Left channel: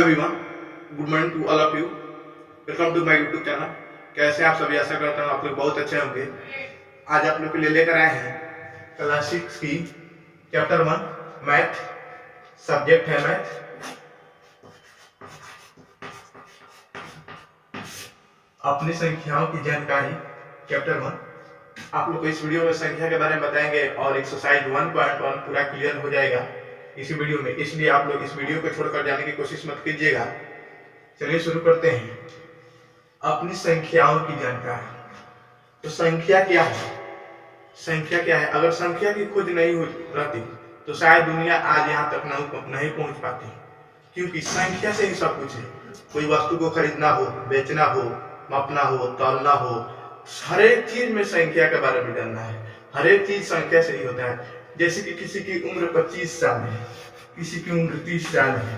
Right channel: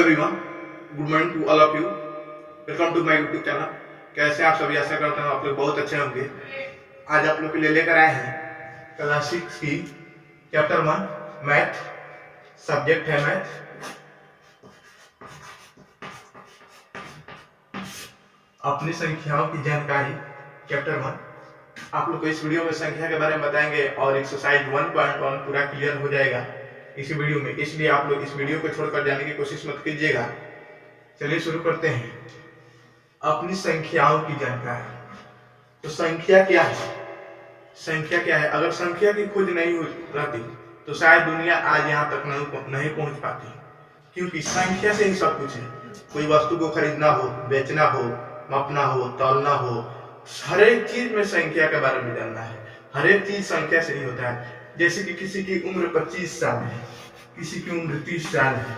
Everyone, good morning to all of you. Welcome to my YouTube channel. कैसे आप सभी? आशा करता हूँ आप लोग बहुत अच्छे होंगे। आज आप लोग के लिए लेकर आए हैं क्लास 6 की चैप्टर 1 मैथ, सब्जेक्ट है मैथ। अपनी संख्याओं की जानकारी चैप्टर 1। आप लोग को इस वीडियो में संख्या के बारे में बताएंगे और एक्सरसाइज 1.1 पूरा क्लियर हो जाएगा इसी वीडियो में, इसलिए आप लोग इस वीडियो को छोड़कर जाने की कोशिश मत कीजिएगा। चलिए शुरू करते हैं। अपनी संख्याओं की जानकारी। तो संख्या क्या है? संख्या क्या है? अगर संख्या की खोज नहीं हो रहती तो शायद दुनिया आज यहाँ तक नहीं पहुंच पाती, क्योंकि संख्या से ही सब कुछ है। कोई वस्तु को खरीदना हो, बेचना हो, मापना हो, तौलना हो, हर एक चीज में संख्या के बारे में जानना है। हर एक चीज संख्या से ही होता है। जैसे कि किसी की उम्र 25 साल है, किसी की उम्र 30 साल है,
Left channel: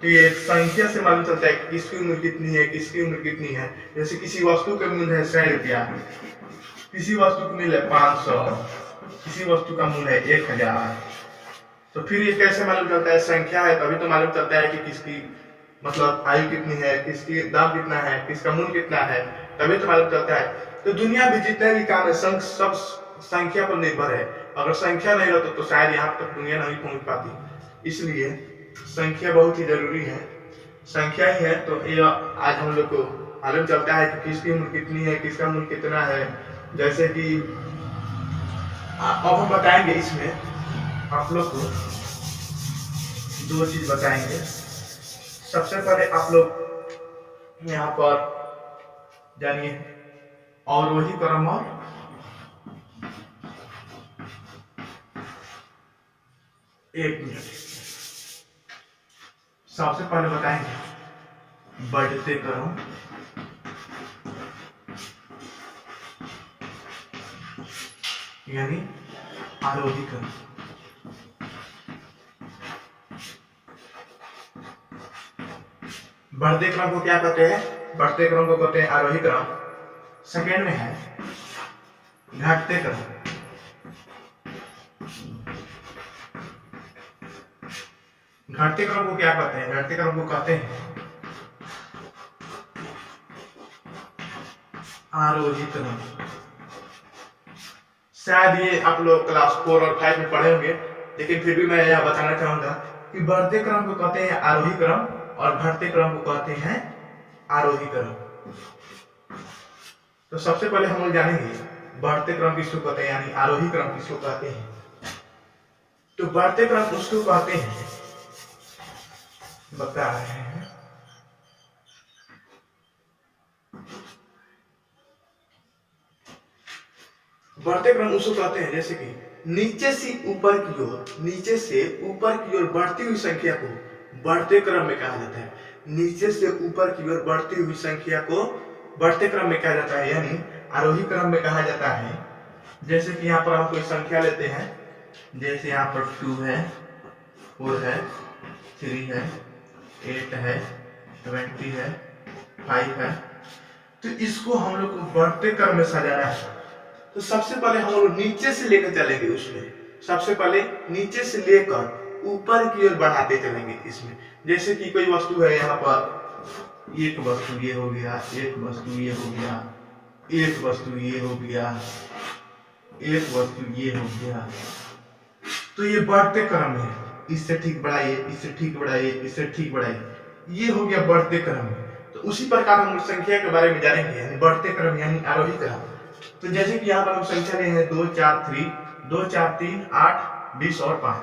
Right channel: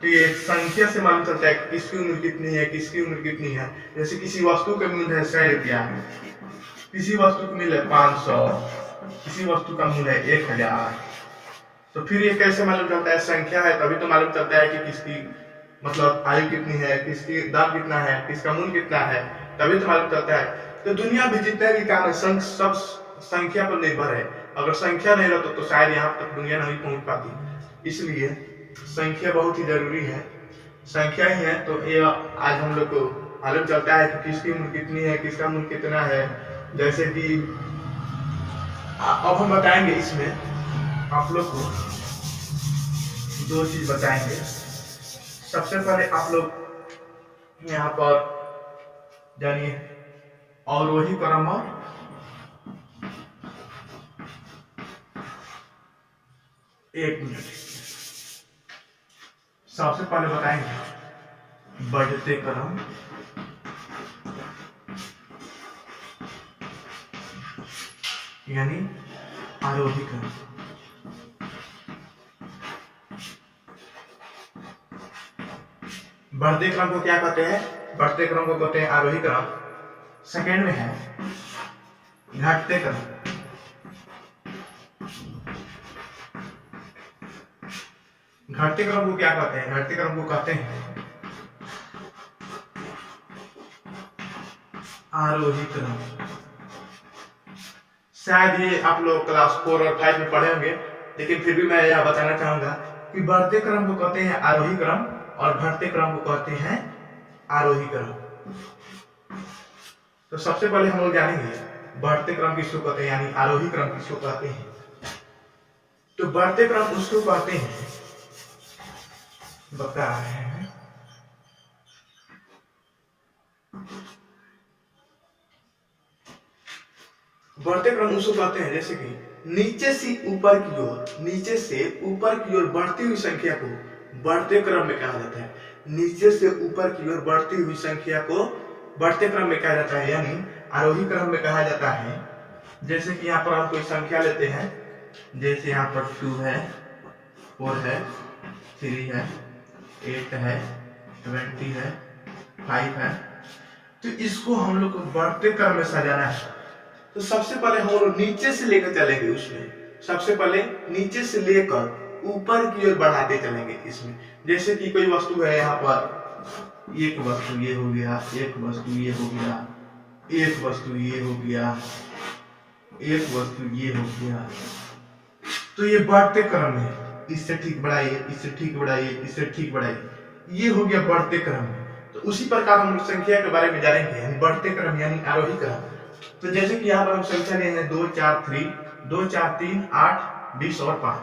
तो ये संख्या से मालूम चलता है कि किसकी उम्र कितनी है, किसकी उम्र कितनी है। जैसे किसी वस्तु का मूल्य है 100 रुपया, किसी वस्तु का मूल्य है 500, किसी वस्तु का मूल्य है 1000। तो फिर ये कैसे मालूम चलता है? संख्या है तभी तो मालूम चलता है कि किसकी मतलब आयु कितनी है, किसकी दाम कितना है, किसका मूल्य कितना है, तभी तो मालूम चलता है। तो दुनिया में जितने भी काम है सब संख्या पर निर्भर है। अगर संख्या नहीं रहता तो शायद यहाँ तक दुनिया नहीं पहुंच पाती। इसलिए संख्या बहुत ही जरूरी है। संख्या ही है तो ये आज हम लोग को मालूम चलता है कि किसकी उम्र कितनी है, किसका मूल्य कितना है। जैसे कि अब हम बताएंगे, इसमें आप लोग को दो चीज बताएंगे। सबसे पहले आप लोग यहाँ पर जानिए और वही क्रम और एक मिनट। सबसे पहले बताएंगे बढ़ते क्रम यानी आरोही क्रम। बढ़ते क्रम को क्या कहते हैं? बढ़ते क्रम को कहते हैं आरोही क्रम। सेकेंड में है घटते क्रम। घटते क्रम को क्या कहते हैं? घटते क्रम को कहते हैं आरोही क्रम। शायद ये आप लोग क्लास 4 और 5 में पढ़े होंगे, लेकिन फिर भी मैं यह बताना चाहूंगा कि बढ़ते क्रम को कहते हैं आरोही क्रम और घटते क्रम को कहते हैं आरोही क्रम। तो सबसे पहले हम लोग जानेंगे बढ़ते क्रम किसको कहते हैं, यानी आरोही क्रम किसको कहते हैं। तो बढ़ते क्रम उसको कहते हैं, बता रहे हैं, बढ़ते क्रम उसको कहते हैं जैसे कि नीचे से ऊपर की ओर, नीचे से ऊपर की ओर बढ़ती हुई संख्या को बढ़ते क्रम में कहा जाता है। नीचे से ऊपर की ओर बढ़ती हुई संख्या को बढ़ते क्रम में कहा जाता है, यानी आरोही क्रम में कहा जाता है। जैसे कि यहाँ पर हम कोई संख्या लेते हैं, जैसे यहाँ पर 2 है, 4 है, 3 है, 8 है, 20 है, 5 है। तो इसको हम लोग को बढ़ते क्रम में सजाना है। तो सबसे पहले हम लोग नीचे से लेकर चलेंगे। उसमें सबसे पहले नीचे से लेकर ऊपर की ओर बढ़ाते चलेंगे। इसमें जैसे कि कोई वस्तु है, यहाँ पर एक वस्तु ये हो गया, एक वस्तु ये हो गया, एक वस्तु ये हो गया, एक वस्तु ये हो गया। तो ये बढ़ते क्रम में है। इससे ठीक बढ़ाइए, इससे ठीक बढ़ाइए, इससे ठीक बढ़ाइए, ये हो गया बढ़ते क्रम में। तो उसी प्रकार हम संख्या के बारे में जानेंगे, यानी बढ़ते क्रम यानी आरोही क्रम। तो जैसे कि यहाँ पर हम संख्या ले हैं 2 4 3, 2 4 3 8 20 और 5।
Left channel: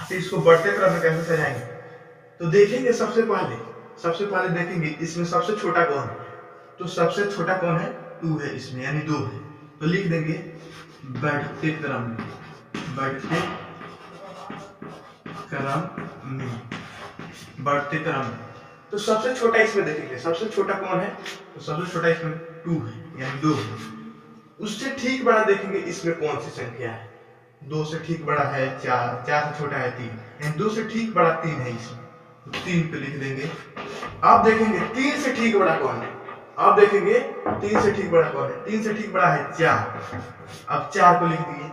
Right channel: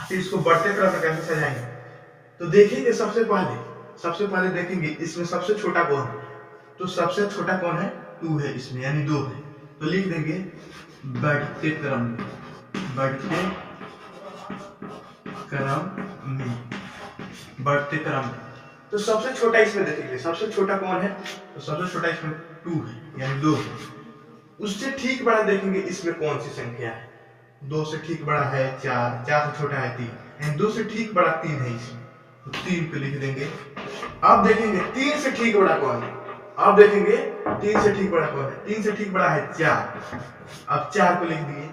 तो इसको बढ़ते क्रम में कैसे सजाएंगे? तो देखेंगे सबसे पहले देखेंगे इसमें सबसे छोटा कौन है। तो सबसे छोटा कौन है? 2 है इसमें, यानी 2 है। तो लिख देंगे बढ़ते क्रम में, बढ़ते क्रम में, बढ़ते क्रम में। तो सबसे छोटा इसमें देखेंगे, सबसे छोटा कौन है? तो सबसे छोटा इसमें 2 है, यानी 2 है। उससे ठीक बड़ा देखेंगे इसमें कौन सी संख्या है। 2 से ठीक बड़ा है 4, 4 से छोटा है 3, यानी 2 से ठीक बड़ा 3 है इसमें। तो 3 पे लिख देंगे। अब देखेंगे 3 से ठीक बड़ा कौन है। अब देखेंगे 3 से ठीक बड़ा कौन है। 3 से ठीक बड़ा है 4, अब 4 को लिख दिए।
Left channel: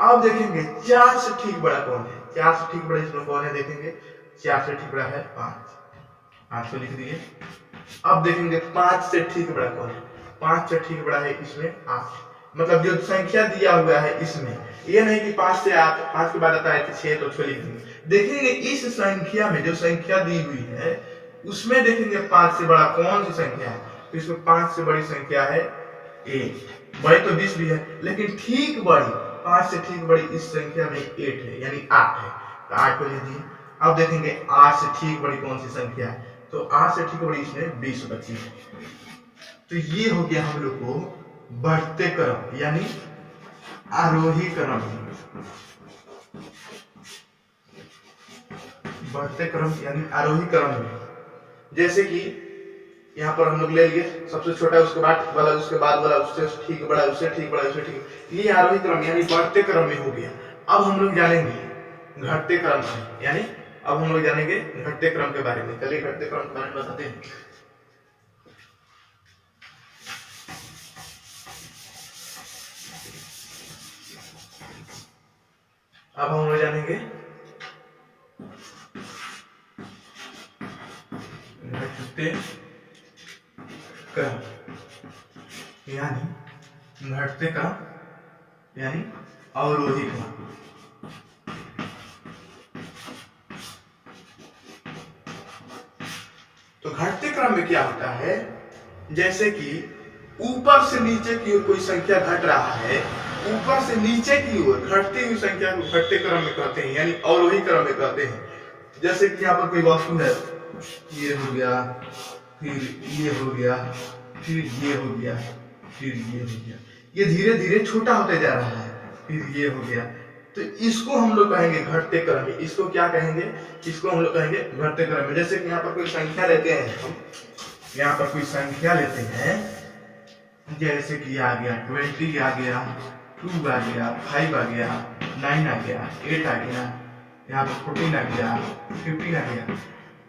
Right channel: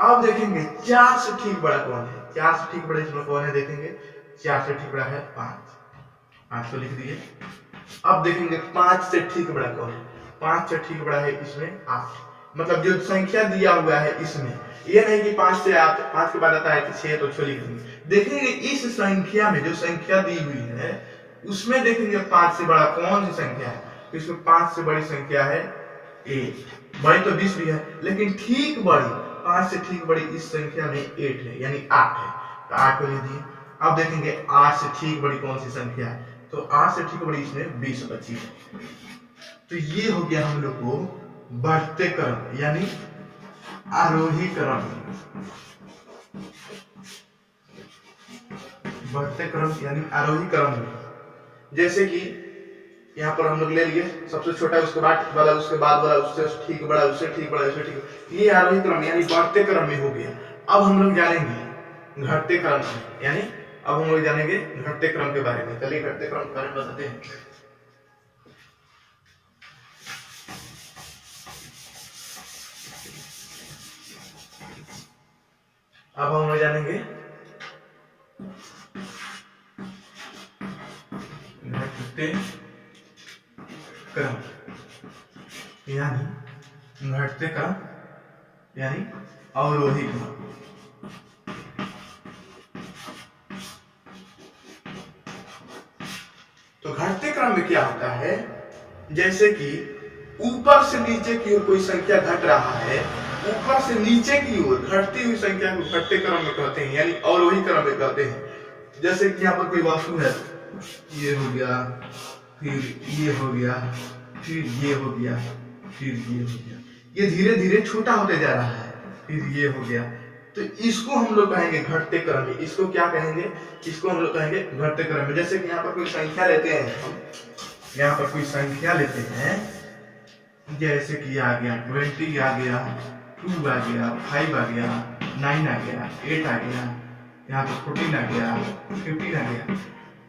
अब देखेंगे 4 से ठीक बड़ा कौन है। 4 से ठीक बड़ा इसमें कौन है, देखेंगे 4 से ठीक बड़ा है 5। 5 को लिख दिए। अब देखेंगे 5 से ठीक बड़ा कौन है। 5 से ठीक बड़ा है इसमें 8, मतलब जो संख्या दिया हुआ है इसमें, ये नहीं कि 5 से 8, 5 के बाद आता है 6 तो 6 लिख देंगे। देखेंगे इस संख्या में जो संख्या दी हुई है उसमें देखेंगे 5 से बड़ा कौन सी संख्या है, तो इसमें 5 से बड़ी संख्या है 8। बड़ी तो 20 भी है, लेकिन ठीक बड़ी 5 से ठीक बड़ी इस संख्या में 8 है, यानी 8 है, तो 8 को लिख दिए। अब देखेंगे 8 से ठीक बड़ी कौन सी संख्या है, तो 8 से ठीक बड़ी इसमें 20 बची है। तो ये हो गया हम लोग को बढ़ते क्रम यानी आरोही क्रम। बढ़ते क्रम यानी आरोही क्रम में, जैसे कि यहाँ पर हम लोग ले लिए सबसे छोटा, उसके बाद वाला, उसके बाद वाला, उससे ठीक बड़ा, उससे ठीक बड़ा, उससे ठीक, ये आरोही क्रम यानी बढ़ते क्रम में हो गया। अब हम लोग जानेंगे घटते क्रम में, यानी अब हम लोग जानेंगे घटते क्रम के बारे में। चलिए घटते क्रम के बारे में बताते हैं। अब हम लोग जानेंगे घटते क्रम यानी घटते क्रम यानी अवरोही क्रम। तो घटते क्रम में क्या होता है, जैसे कि ऊपर से नीचे की ओर कोई संख्या घट रहा है, ऊपर से नीचे की ओर घटती हुई संख्या को घटते क्रम में कहते हैं, यानी अवरोही क्रम में कहते हैं। जैसे कि यहाँ पर कोई वस्तु है, ये हो गया, फिर ये हो गया, फिर ये हो गया, फिर ये हो गया, ये धीरे धीरे छोटा होते जा रहा है, फिर ये हो गया, तो इसको हम लोग कहेंगे घटते क्रम में। इसको क्या कहेंगे, इसको हम लोग कहेंगे घटते क्रम में। जैसे कि यहाँ पर कोई संख्या लेते हैं हम, यहाँ पर कोई संख्या लेते हैं, जैसे कि आ गया 20 आ गया, 2 आ गया, 5 आ गया, 9 आ गया, 8 आ गया, यहाँ पर 14 आ गया, 15 आ गया,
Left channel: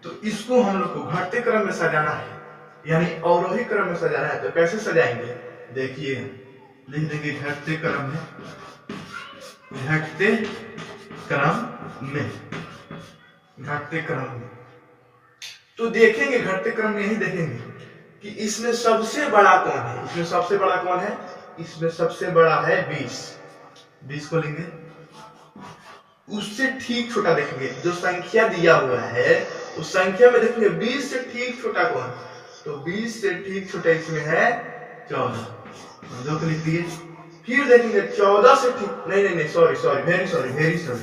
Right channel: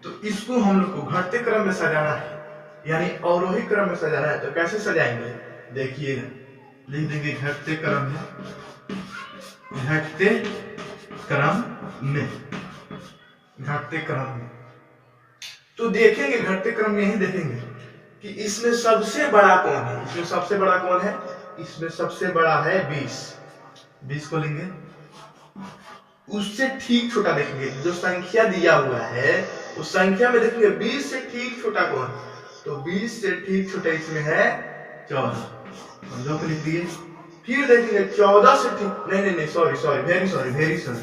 तो इसको हम लोग को घटते क्रम में सजाना है, यानी अवरोही क्रम में सजाना है। तो कैसे सजाएंगे, देखिएगा, लिख देंगे घटते क्रम में, घटते क्रम में, घटते क्रम में। तो देखेंगे घटते क्रम में यही देखेंगे कि इसमें सबसे बड़ा कौन है, इसमें सबसे बड़ा कौन है, इसमें सबसे बड़ा है 20। 20 को लेंगे, उससे ठीक छोटा देखेंगे, जो संख्या दिया हुआ है उस संख्या में देखेंगे 20 से ठीक छोटा कौन, तो 20 से ठीक छोटा इसमें है 14। 2 को लिख दिए। फिर देखेंगे 14 से ठीक, नहीं, सॉरी, वेरी सॉरी,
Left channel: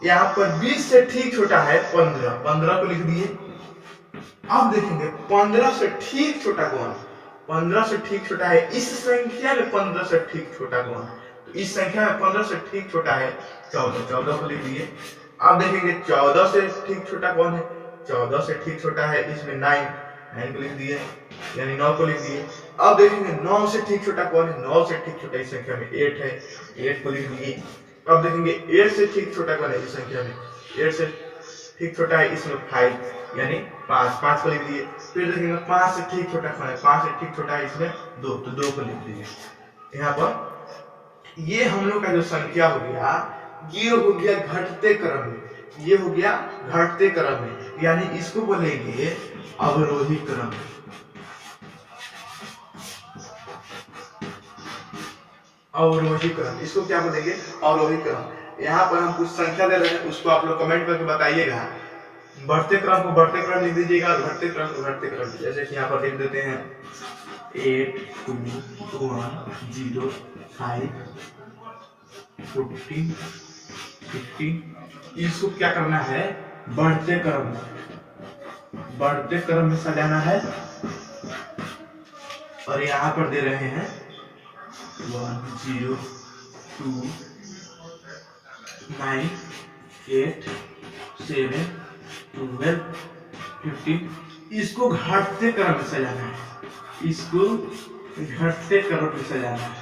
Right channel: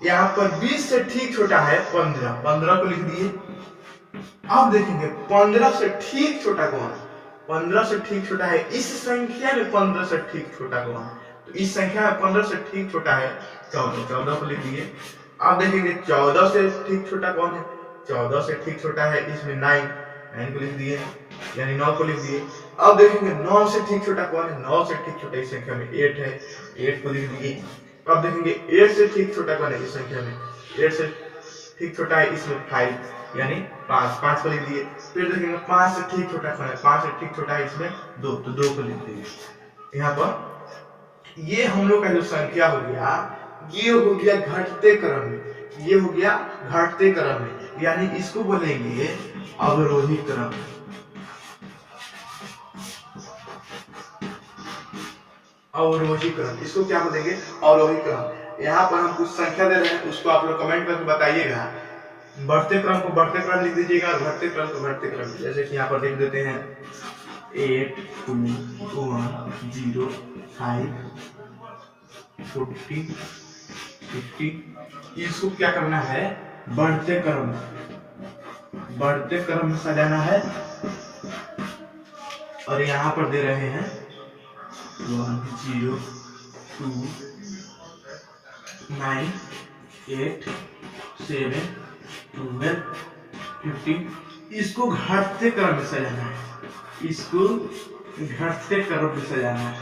यहाँ पर 20 से ठीक छोटा है 15। 15 को लिख दिए। अब देखेंगे 15 से ठीक छोटा कौन, 15 से ठीक छोटा है इस संख्या में, 15 से ठीक छोटा कौन, तो इस संख्या में 15 से ठीक छोटा है 14। 14 को लिख दिए। अब देखेंगे 14 से ठीक छोटा कौन है, 14 से ठीक छोटा है इसमें 9 को लिख दिए, यानी 9 को लिख दिए। अब देखेंगे 9 से ठीक छोटा कौन है, 9 से ठीक छोटा इस संख्या में 8 है, 8 को लिख दिए। अब देखेंगे 8 से ठीक छोटा कौन है इस संख्या में, 8 से ठीक छोटा है इसमें 5, यानी 5 को लिख दिए। फिर देखेंगे 5 से ठीक छोटा कौन है, 5 से ठीक छोटा है इसमें 2, तो 2 को लिख दिए। यहाँ पर ये हम लोग का जो संख्या हो गया, ये हो गया घटते क्रम में, ये हो गया घटते क्रम में, यानी इसको बोलेंगे अवरोही क्रम। अवरोही क्रम, इसको क्या बोलेंगे, अवरोही क्रम। यहाँ पर हम कुछ संख्या दे रहे हैं, उसको आप लोग कमेंट करके बताइएगा। बढ़ते क्रम को बढ़ते क्रम लिख दीजिएगा, घटते क्रम को घटते क्रम। जैसे कि यहाँ पर लिख देते हैं 8 2 1 0 5 14 15। इसको क्या करना है, बढ़ते क्रम में सजाना है। और यहाँ पर दे रहे हैं 1 0 2 9 8 7 12 15। इसको घटते क्रम में सजाना है, इसको घटते क्रम में सजाना है,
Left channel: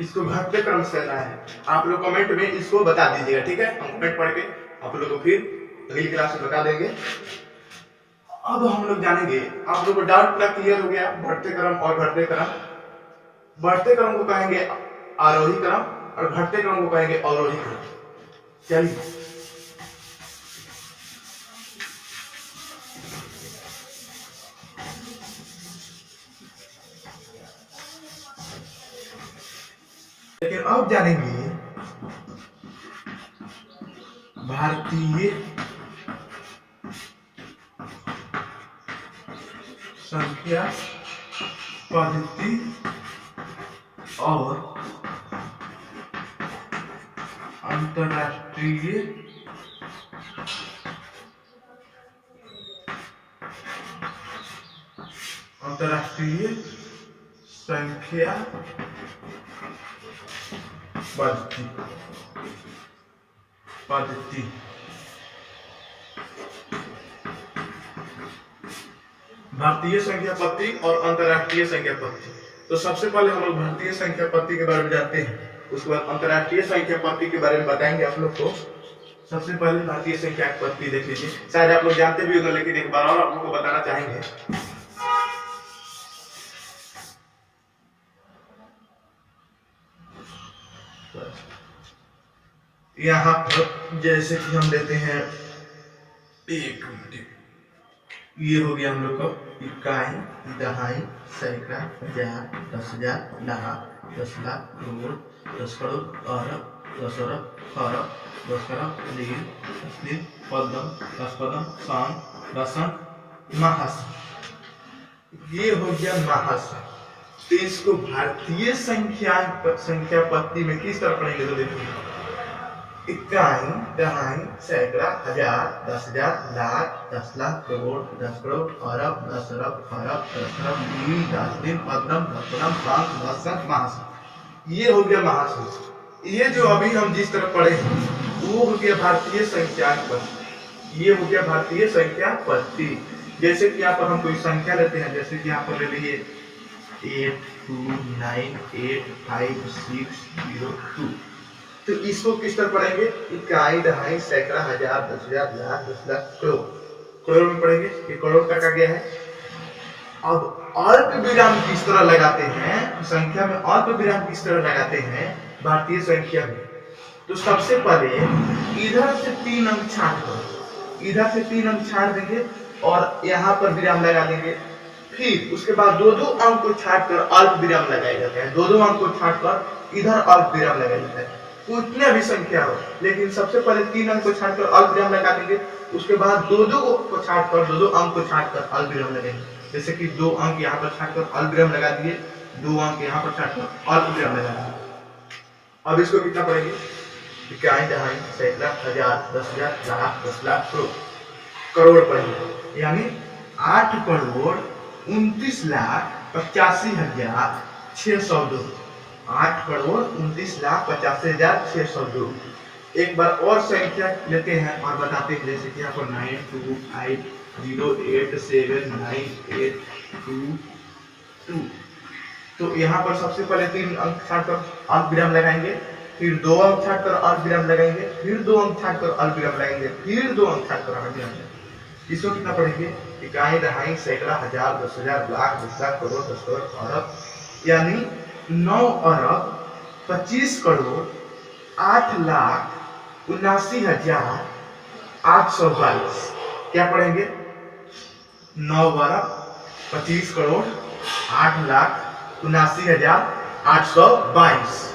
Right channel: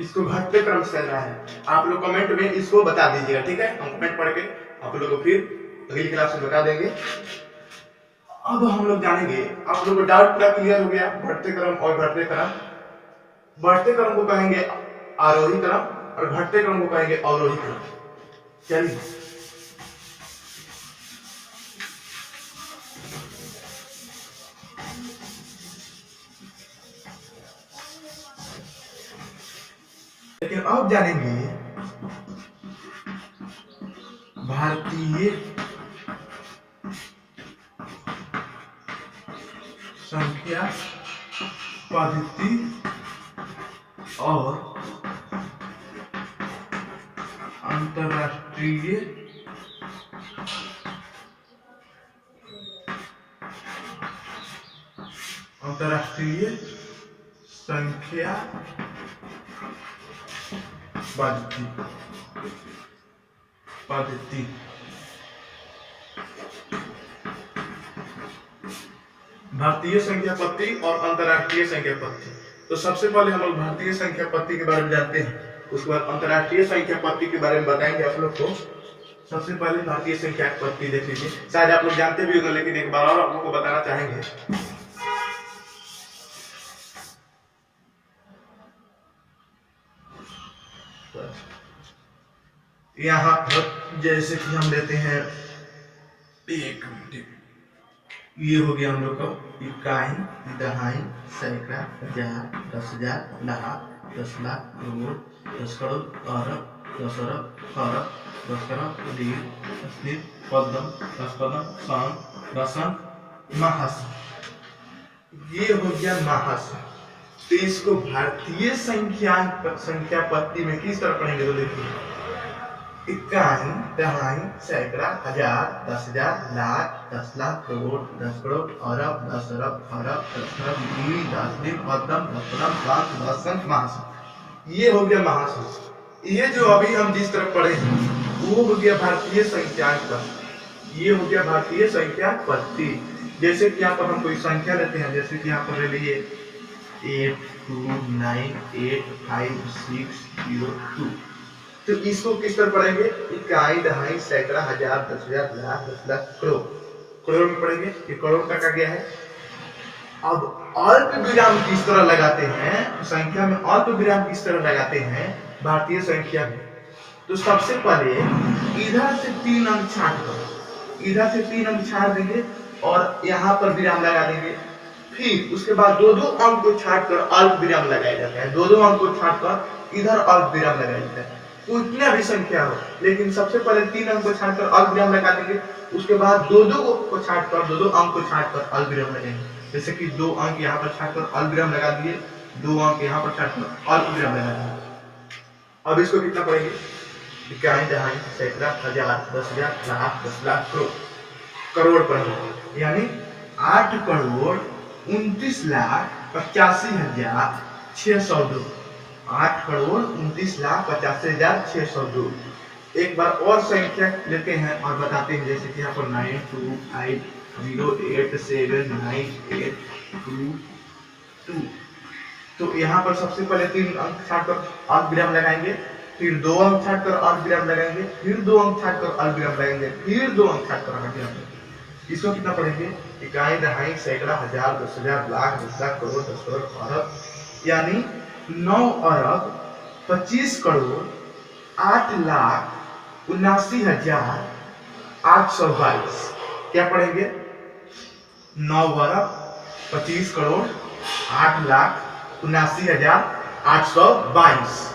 इसको घटते क्रम से सजाना है। आप लोग कमेंट में इसको बता दीजिएगा, ठीक है। हम कमेंट पढ़ के आप लोगों को फिर अगली क्लास में बता देंगे। अब हम लोग जानेंगे, आप लोगों को डाउट पूरा क्लियर हो गया, बढ़ते क्रम और घटते क्रम। बढ़ते क्रम को कहेंगे आरोही क्रम और घटते क्रम को कहेंगे अवरोही क्रम। चलिए लेकिन अब जानेंगे भारतीय संख्या पद्धति और अंतरराष्ट्रीय संख्या पद्धति। भारतीय संख्या पद्धति और अंतरराष्ट्रीय संख्या पद्धति। तो सबसे पहले हम लोग भारतीय संख्या पद्धति के बारे में जानते हैं, उसके बाद अंतरराष्ट्रीय संख्या पद्धति के बारे में बताएंगे आप लोग को। सबसे पहले भारतीय संख्या पद्धति देख लीजिए, शायद आप लोग जानते भी होंगे लेकिन एक बार और आप लोग को बताना चाहेंगे। यहाँ पर जैसे कि हम लेते हैं, एक मिनट, ये हो गया हम लोग का इकाई, दहाई, सैकड़ा, हजार, 10,000, लाख, 10 लाख, करोड़, 10 करोड़, अरब, 10 अरब, खरब, 10 खरब, लीर, 10 लीर, पद्म, 10 पद्म, सन, 10 सन, महासन। ये हो गया महासन। तो इसको भारतीय संख्या पद्धति में किस तरह पढ़ेंगे तो देखिए, इकाई, दहाई, सैकड़ा, हजार, 10,000, लाख, 10 लाख, करोड़, 10 करोड़, अरब, 10 अरब, खरब, 10 खरब, लीर, 10 लीर, पद्म, 10 पद्म, सन, 10 सन, महासन। ये हो गया महासन। ये जो अभी हम जिस तरह पढ़े वो हो गया भारतीय संख्या पद्धति। ये हो गया भारतीय संख्या पद्धति। जैसे कि यहाँ पर हम कोई संख्या लेते हैं, जैसे कि यहाँ पर ले लिए 82985602। तो इसको किस तरह पढ़ेंगे, इकाई, दहाई, सैकड़ा, हजार, 10,000, लाख, 10 लाख, करोड़। करोड़ में पढ़ेंगे, ये करोड़ का गया है। अब अल्प विराम किस तरह लगाते हैं, संख्या में अल्प विराम किस तरह लगाते हैं भारतीय संख्या में। तो सबसे पहले इधर से 3 अंक छाट कर, इधर से 3 अंक छाट देंगे और यहाँ पर विराम लगा देंगे। फिर उसके बाद 2-2 अंक को छाट कर अल्प विराम लगाया जाता है। 2-2 अंक को छाट कर इधर अल्प विराम लगाया जाता है। उतने भी संख्या हो, लेकिन सबसे पहले 3 अंक को छाट कर अल्प विराम लगा देंगे। उसके बाद 2-2 को छाट कर, 2-2 अंक को छाट कर अल्प विराम लगाएंगे। जैसे कि 2 अंक यहाँ पर छाट कर अल्प विराम लगा दिए, 2 अंक यहाँ पर छाट कर अल्प विराम लगा दिए। अब इसको कितना पढ़ेंगे, इकाई, दहाई, सैकड़ा, हजार, 10,000, लाख, 10 लाख, करोड़। करोड़ पढ़ेंगे, यानी 8 करोड़ 29,85,602। 8 करोड़ 29,85,602। एक बार और संख्या लेते हैं और बताते हैं, जैसे कि यहाँ पर 9250879882। तो यहाँ पर सबसे पहले 3 अंक छाट कर अल्प विराम लगाएंगे, फिर 2 अंक छाट कर अल्प विराम लगाएंगे, फिर 2 अंक छाट कर अल्प विराम लगाएंगे, फिर 2 अंक छाट कर अल्प विराम लगाएंगे। इसको कितना पढ़ेंगे, इकाई, दहाई, सैकड़ा, हजार, 10,000, लाख, 10 लाख, करोड़, 10 करोड़, अरब, यानी 9 अरब 25 करोड़ 8,79,822। क्या पढ़ेंगे, 9 अरब 25 करोड़ 8,79,822।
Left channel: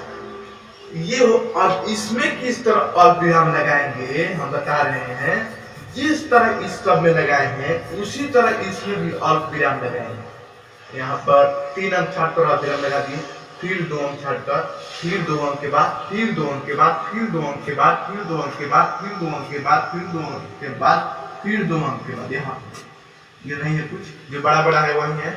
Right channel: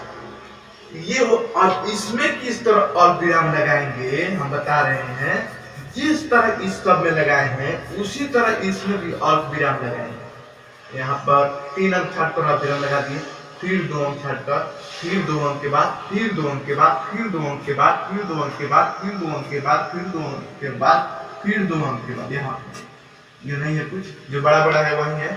ये हो। अब इसमें किस तरह अल्प विराम लगाएंगे हम बता रहे हैं, जिस तरह इस सब में लगाए हैं उसी तरह इसमें भी अल्प विराम लगाएंगे। यहाँ पर 3 अंक छाट कर अल्प विराम लगा दिए, फिर 2 अंक छाट कर, फिर 2 अंक के बाद, फिर 2 अंक के बाद, फिर 2 अंक के बाद, फिर 2 अंक के बाद, फिर 2 अंक के बाद, फिर 2 अंक के बाद, फिर 2 अंक के बाद। यहाँ ये नहीं है, कुछ जो बड़ा बड़ा है वही है।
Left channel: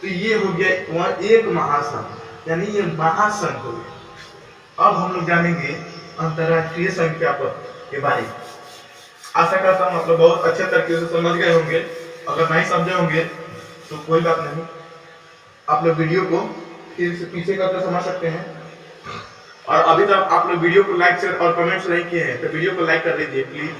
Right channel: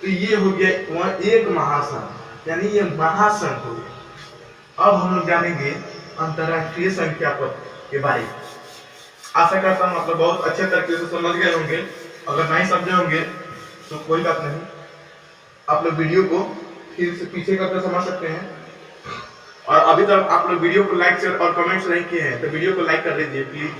तो ये हो गया वह एक महासन, यानी ये महासन हो गया। अब हम लोग जानेंगे अंतरराष्ट्रीय संख्या पद्धति के बारे में। आशा करता हूँ आप लोग बहुत अच्छे तरीके से समझ गए होंगे। अगर नहीं समझे होंगे तो कोई बात नहीं, आप लोग वीडियो को फिर से पीछे करके समझ सकते हैं। और अभी तक आप लोग वीडियो को लाइक, शेयर और कमेंट्स नहीं किए हैं तो वीडियो को लाइक कर दीजिए प्लीज।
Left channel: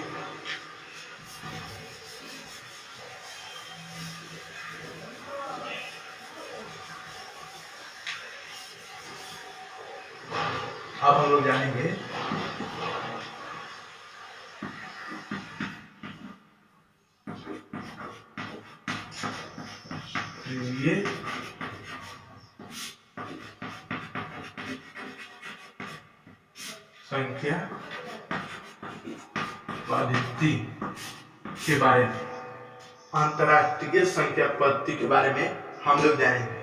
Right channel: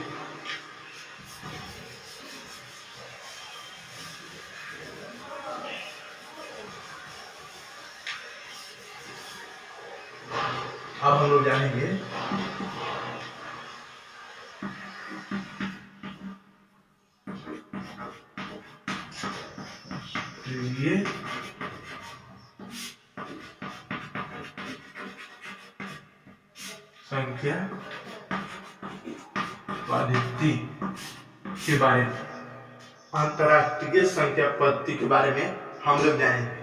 अब हम लोग जानेंगे ये संख्या पद्धति के बारे में, अंतरराष्ट्रीय संख्या पद्धति के बारे में हम लोग जानेंगे।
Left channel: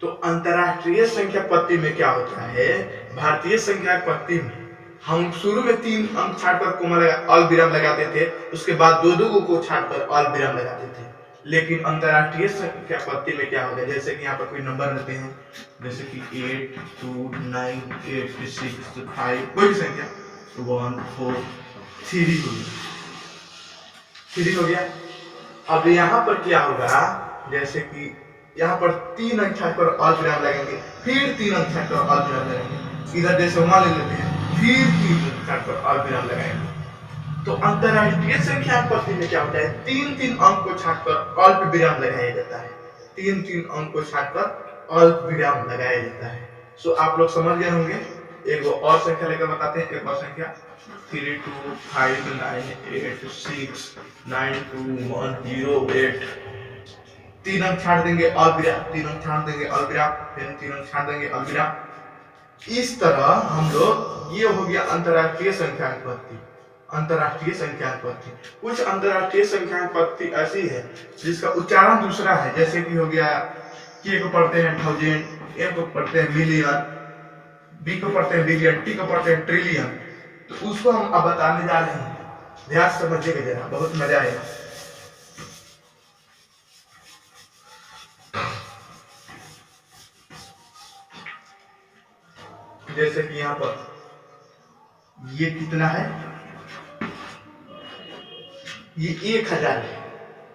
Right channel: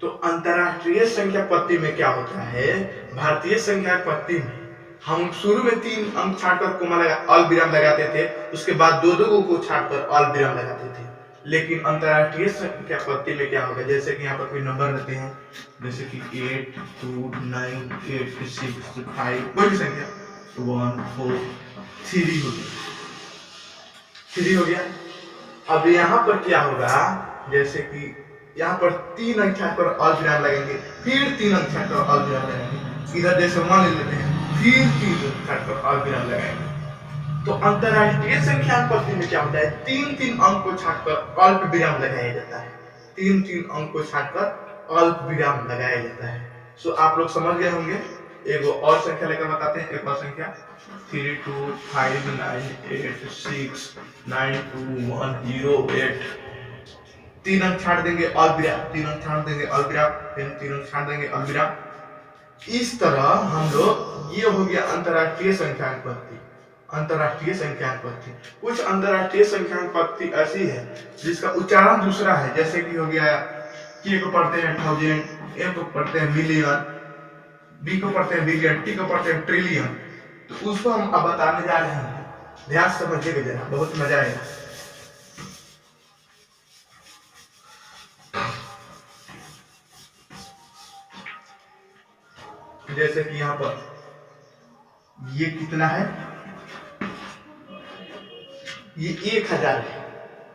तो अंतरराष्ट्रीय संख्या पद्धति में क्या होता है, भारतीय संख्या पद्धति में हम शुरू में 3 अंक छाटकर कोमा लगा अल्पविराम लगाते थे, उसके बाद 2 को छाटकर अल्पविराम लगाते थे। लेकिन अंतरराष्ट्रीय संख्या पद्धति में क्या होगा, जैसे कि यहाँ पर कोई नंबर रहते हैं, जैसे कि 8, 2, 9, 8, 6, 5, कोई भी संख्या 1, 4, 3 हो गया, 3 हो गया। अब यहाँ पर क्या होगा, जैसे कि यहाँ पर 3 अंक छाटकर अल्पविराम लगेंगे, फिर 3 अंक छाटकर अल्पविराम लगाएंगे, इधर जैसे 1 ले लेते हैं, फिर 3 अंक छाटकर अल्पविराम लगाएंगे। तो अंतरराष्ट्रीय संख्या पद्धति में क्या होता है, 3 अंक को छाटकर अल्पविराम लगाया जाता है, 3 अंक को छाटकर अल्पविराम लगाया जाता है। सो आप लोग समझ गए होंगे। एक और संख्या लेकर बताते हैं, एक और संख्या 3, 2, 5, 9, 8, 6, 9, 2, 1, 0, 8। 3 अंक छाट देंगे अल्पविराम, 3 अंक छाट देंगे अल्पविराम, फिर 3 अंक छाट देंगे अल्पविराम। इस तरह हम लोग, ये हो गया अंतरराष्ट्रीय संख्या पद्धति। अंतरराष्ट्रीय संख्या पद्धति, कुछ अंतरराष्ट्रीय संख्या पद्धति ऐसी है जिसका उच्चारण दूसरा है, जैसे कि हो गया के को पढ़ते हैं 1000, एम को पढ़ते हैं मिलियन, बी को पढ़ते हैं बिलियन, टी को पढ़ते हैं ट्रिलियन। तो उसको हम अब बताने जा रहे हैं, ध्यान से समझिएगा जरा, बहुत मजा आएगा। जैसे कि यहाँ पर ये कितना है, ये 1000 है,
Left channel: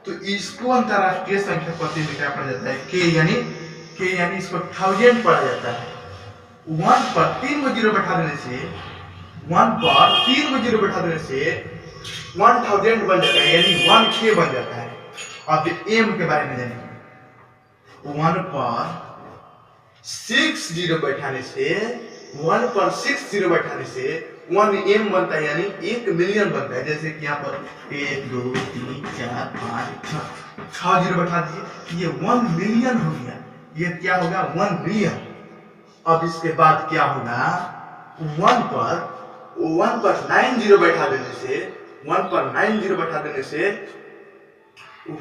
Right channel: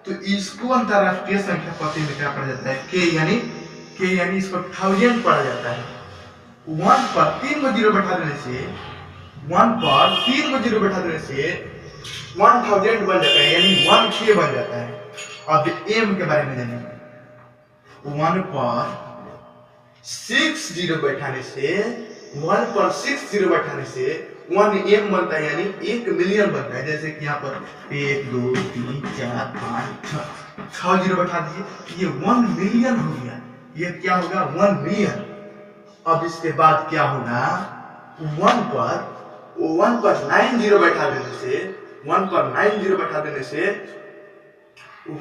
तो इसको अंतरराष्ट्रीय संख्या पद्धति में क्या पढ़ा जाता है, के यानी इसको 1000 पढ़ा जाता है। 1 पर 3 को 0 बैठा देने से 1000 बन जाता है, यानी 1K बन जाता है। अब एम के बारे में जानेंगे। 1 पर 6 0 बैठाने से 1M बनता है, यानी 1 मिलियन बनता है। जैसे कि यहाँ पर 1, 2, 3, 4, 5, 6 0 बैठा दिए, ये 1 मिलियन हो गया। ये क्या होगा, 1 मिलियन। अब इसके बाद क्या होगा, 1 पर 9 0 बैठा देने से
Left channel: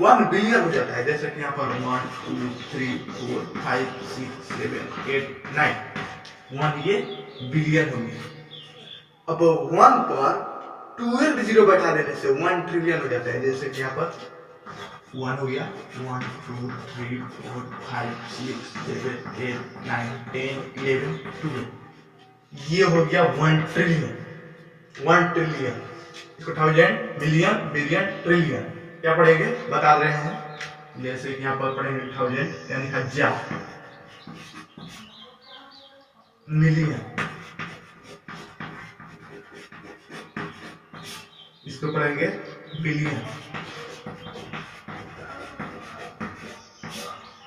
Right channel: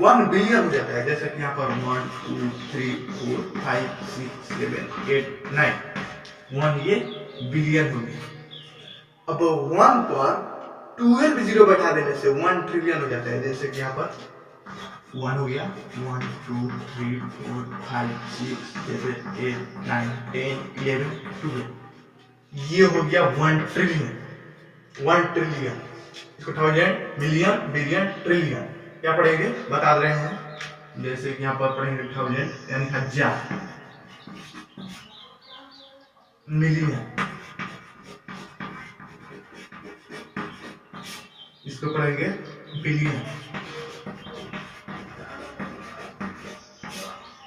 1 बिलियन हो जाता है। जैसे कि यहाँ पर 1, 2, 3, 4, 5, 6, 7, 8, 9, 1 ये बिलियन हो गया। अब 1 पर 12 0 बैठा देने से 1 ट्रिलियन हो जाता है। जैसे कि यहाँ पर 1 हो गया, 1, 2, 3, 4, 5, 6, 7, 8, 9, 10, 11, 12, ये हो गया 1 ट्रिलियन। इसको 1000, मिलियन, बिलियन, ट्रिलियन क्या पढ़ेंगे बता रहे हैं। जैसे कि यहाँ पर पढ़ेंगे 1000 यानी 1000, मिलियन इसको पढ़ेंगे बिलियन,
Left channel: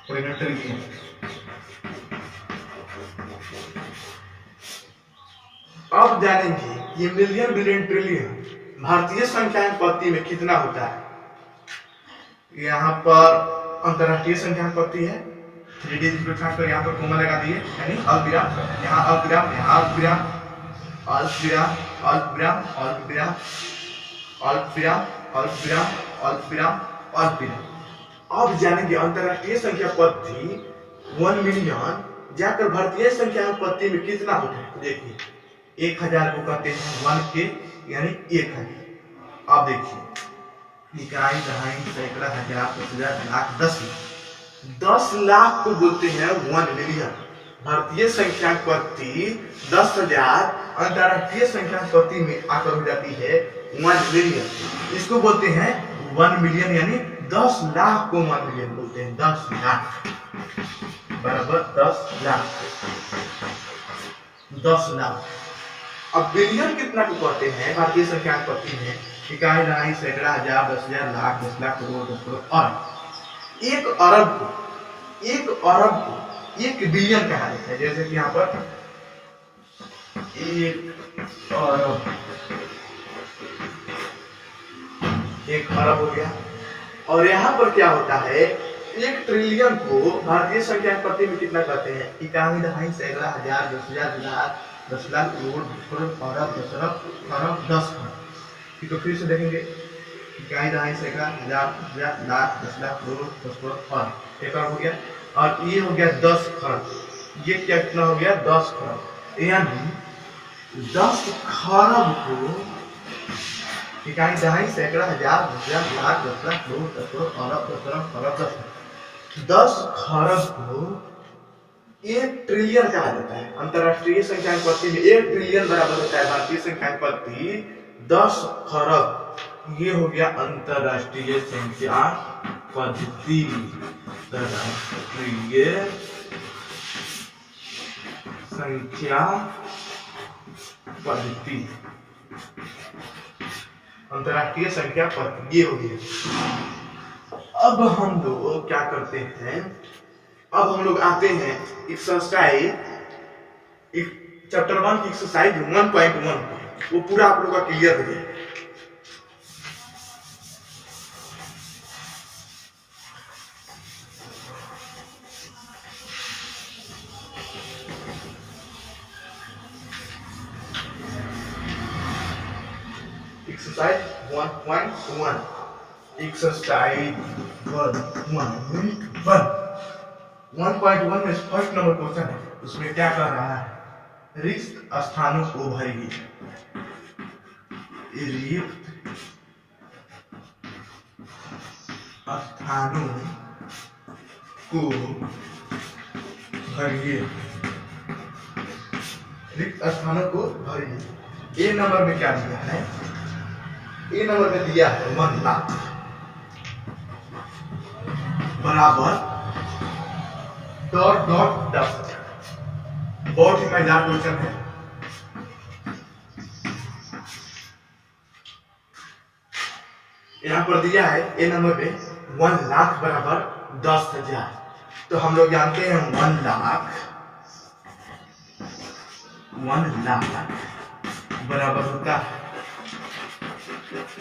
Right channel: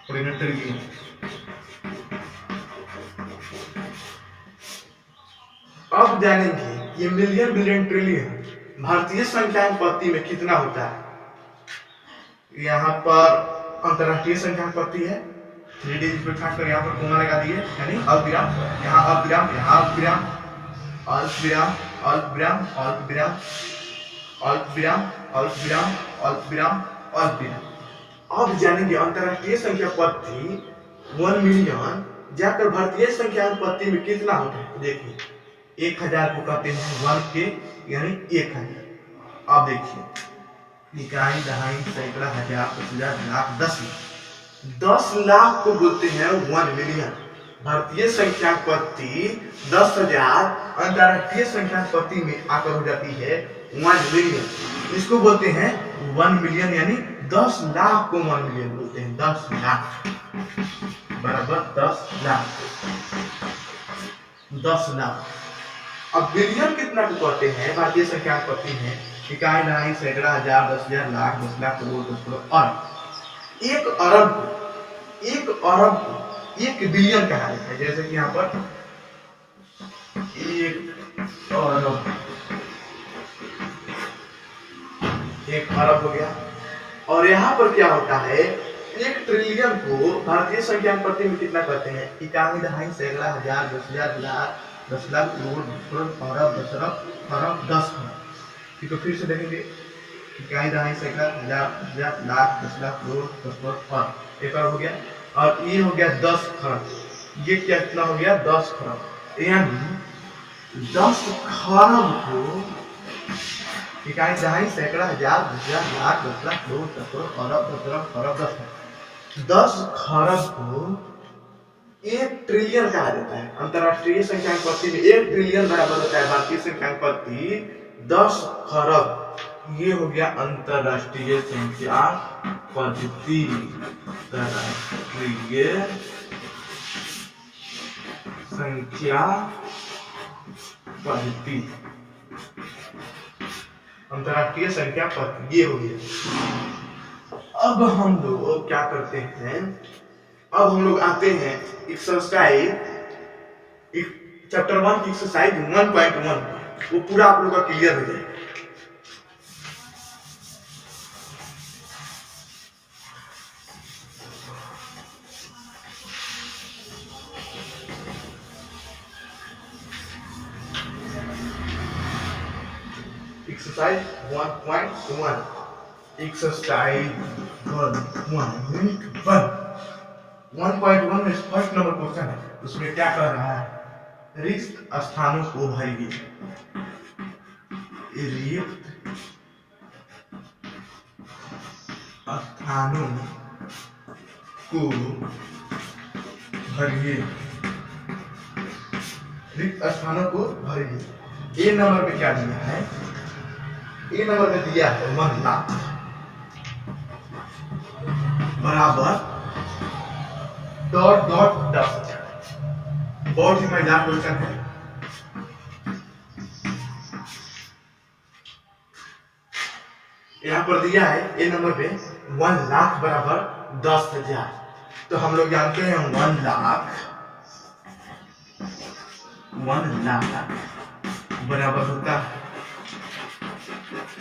पढ़ेंगे ट्रिलियन। अब जानेंगे ये मिलियन, बिलियन, ट्रिलियन भारतीय संख्या पद्धति में कितना होता है। यहाँ पर अंतरराष्ट्रीय संख्या पद्धति है, 3 डिजिट को छाट कर यहाँ पर कोमा लगा दिए, यानी अल्पविराम, यहाँ अल्पविराम, यहाँ अल्पविराम, अल्पविराम, अल्पविराम, अल्पविराम, अल्पविराम, अल्पविराम, अल्पविराम, अल्पविराम। अब जानेंगे अंतरराष्ट्रीय संख्या पद्धति 1 मिलियन जाकर भारतीय संख्या पद्धति में कितना होता है। देखिए 1000 को कहते हैं 1K, यानी 1000। अब देखिए इकाई, दहाई, सैकड़ा, हजार, 10,000, लाख, 10 लाख को बोलते हैं 1 मिलियन। भारतीय संख्या पद्धति 10,000 अंतरराष्ट्रीय संख्या पद्धति में आकर हो जाती है 1 मिलियन। इसको बोलते हैं 1 मिलियन, यानी 10 लाख को 1 मिलियन बोलते हैं। 10 लाख बराबर 10 लाख, 10 लाख। अब बिलियन कितना को कहते हैं भारतीय संख्या पद्धति में, इकाई, दहाई, सैकड़ा, हजार, 10,000, लाख, 10 लाख, करोड़, 10 करोड़, अरब। 1 अरब को 1 बिलियन कहा जाता है। जैसे कि यहाँ पर 1 अरब हो गया। और यहाँ पर क्या होता है, 1 ट्रिलियन को भारतीय संख्या पद्धति में कितना कहते हैं, इकाई, दहाई, सैकड़ा, हजार, 10,000, लाख, 10 लाख करोड़ करोड़ अरब दस अरब खरब 10 खरब। ठीक है, फिर से देखेंगे इकाई दहाई सैकड़ा हजार हजार लाख 10 लाख करोड़ 10 करोड़ खरब, एक अरब हो गया। और ये हो गया 10 खरब, ये क्या कितना हो गया 10 खरब। यानी 10 खरब को इकाई दहाई सैकड़ा हजार हजार लाख 10 लाख करोड़ 10 करोड़ अरब 10 अरब खरब 10 खरब को 1 ट्रिलियन कहा जाता है। अंतरराष्ट्रीय संख्यांक पद्धति में 1 ट्रिलियन बराबर होता है भारतीय संख्यांक पद्धति 10 खरब। ये हो गया अंतरराष्ट्रीय संख्यांक पद्धति, अंतरराष्ट्रीय संख्या पद्धति, अंतरराष्ट्रीय संख्या पद्धति ये हो गया। अब हम लोग क्या करते हैं, अब हम लोग आते हैं एक्सरसाइज एक चैप्टर 1 की एक्सरसाइज 1.1, वो पूरा आप लोग का क्लियर हो जाएगा। एक्सरसाइज 1.1, एक्सरसाइज 1.1 में फर्स्ट नंबर क्वेश्चन है, उसमें क्या कह रहा है, रिक्त स्थानों को भरिए। रिक्त स्थानों को भरिए, रिक्त स्थानों को भरिए। ए नंबर में क्या दिया है, ए नंबर में दिया है 1 लाख बराबर डॉट डॉट 10,000। बहुत ही मजेदार क्वेश्चन है। यहाँ पर दिया है ए नंबर पे 1 लाख बराबर 10,000। तो हम लोग जानते हैं 1 लाख बराबर होता है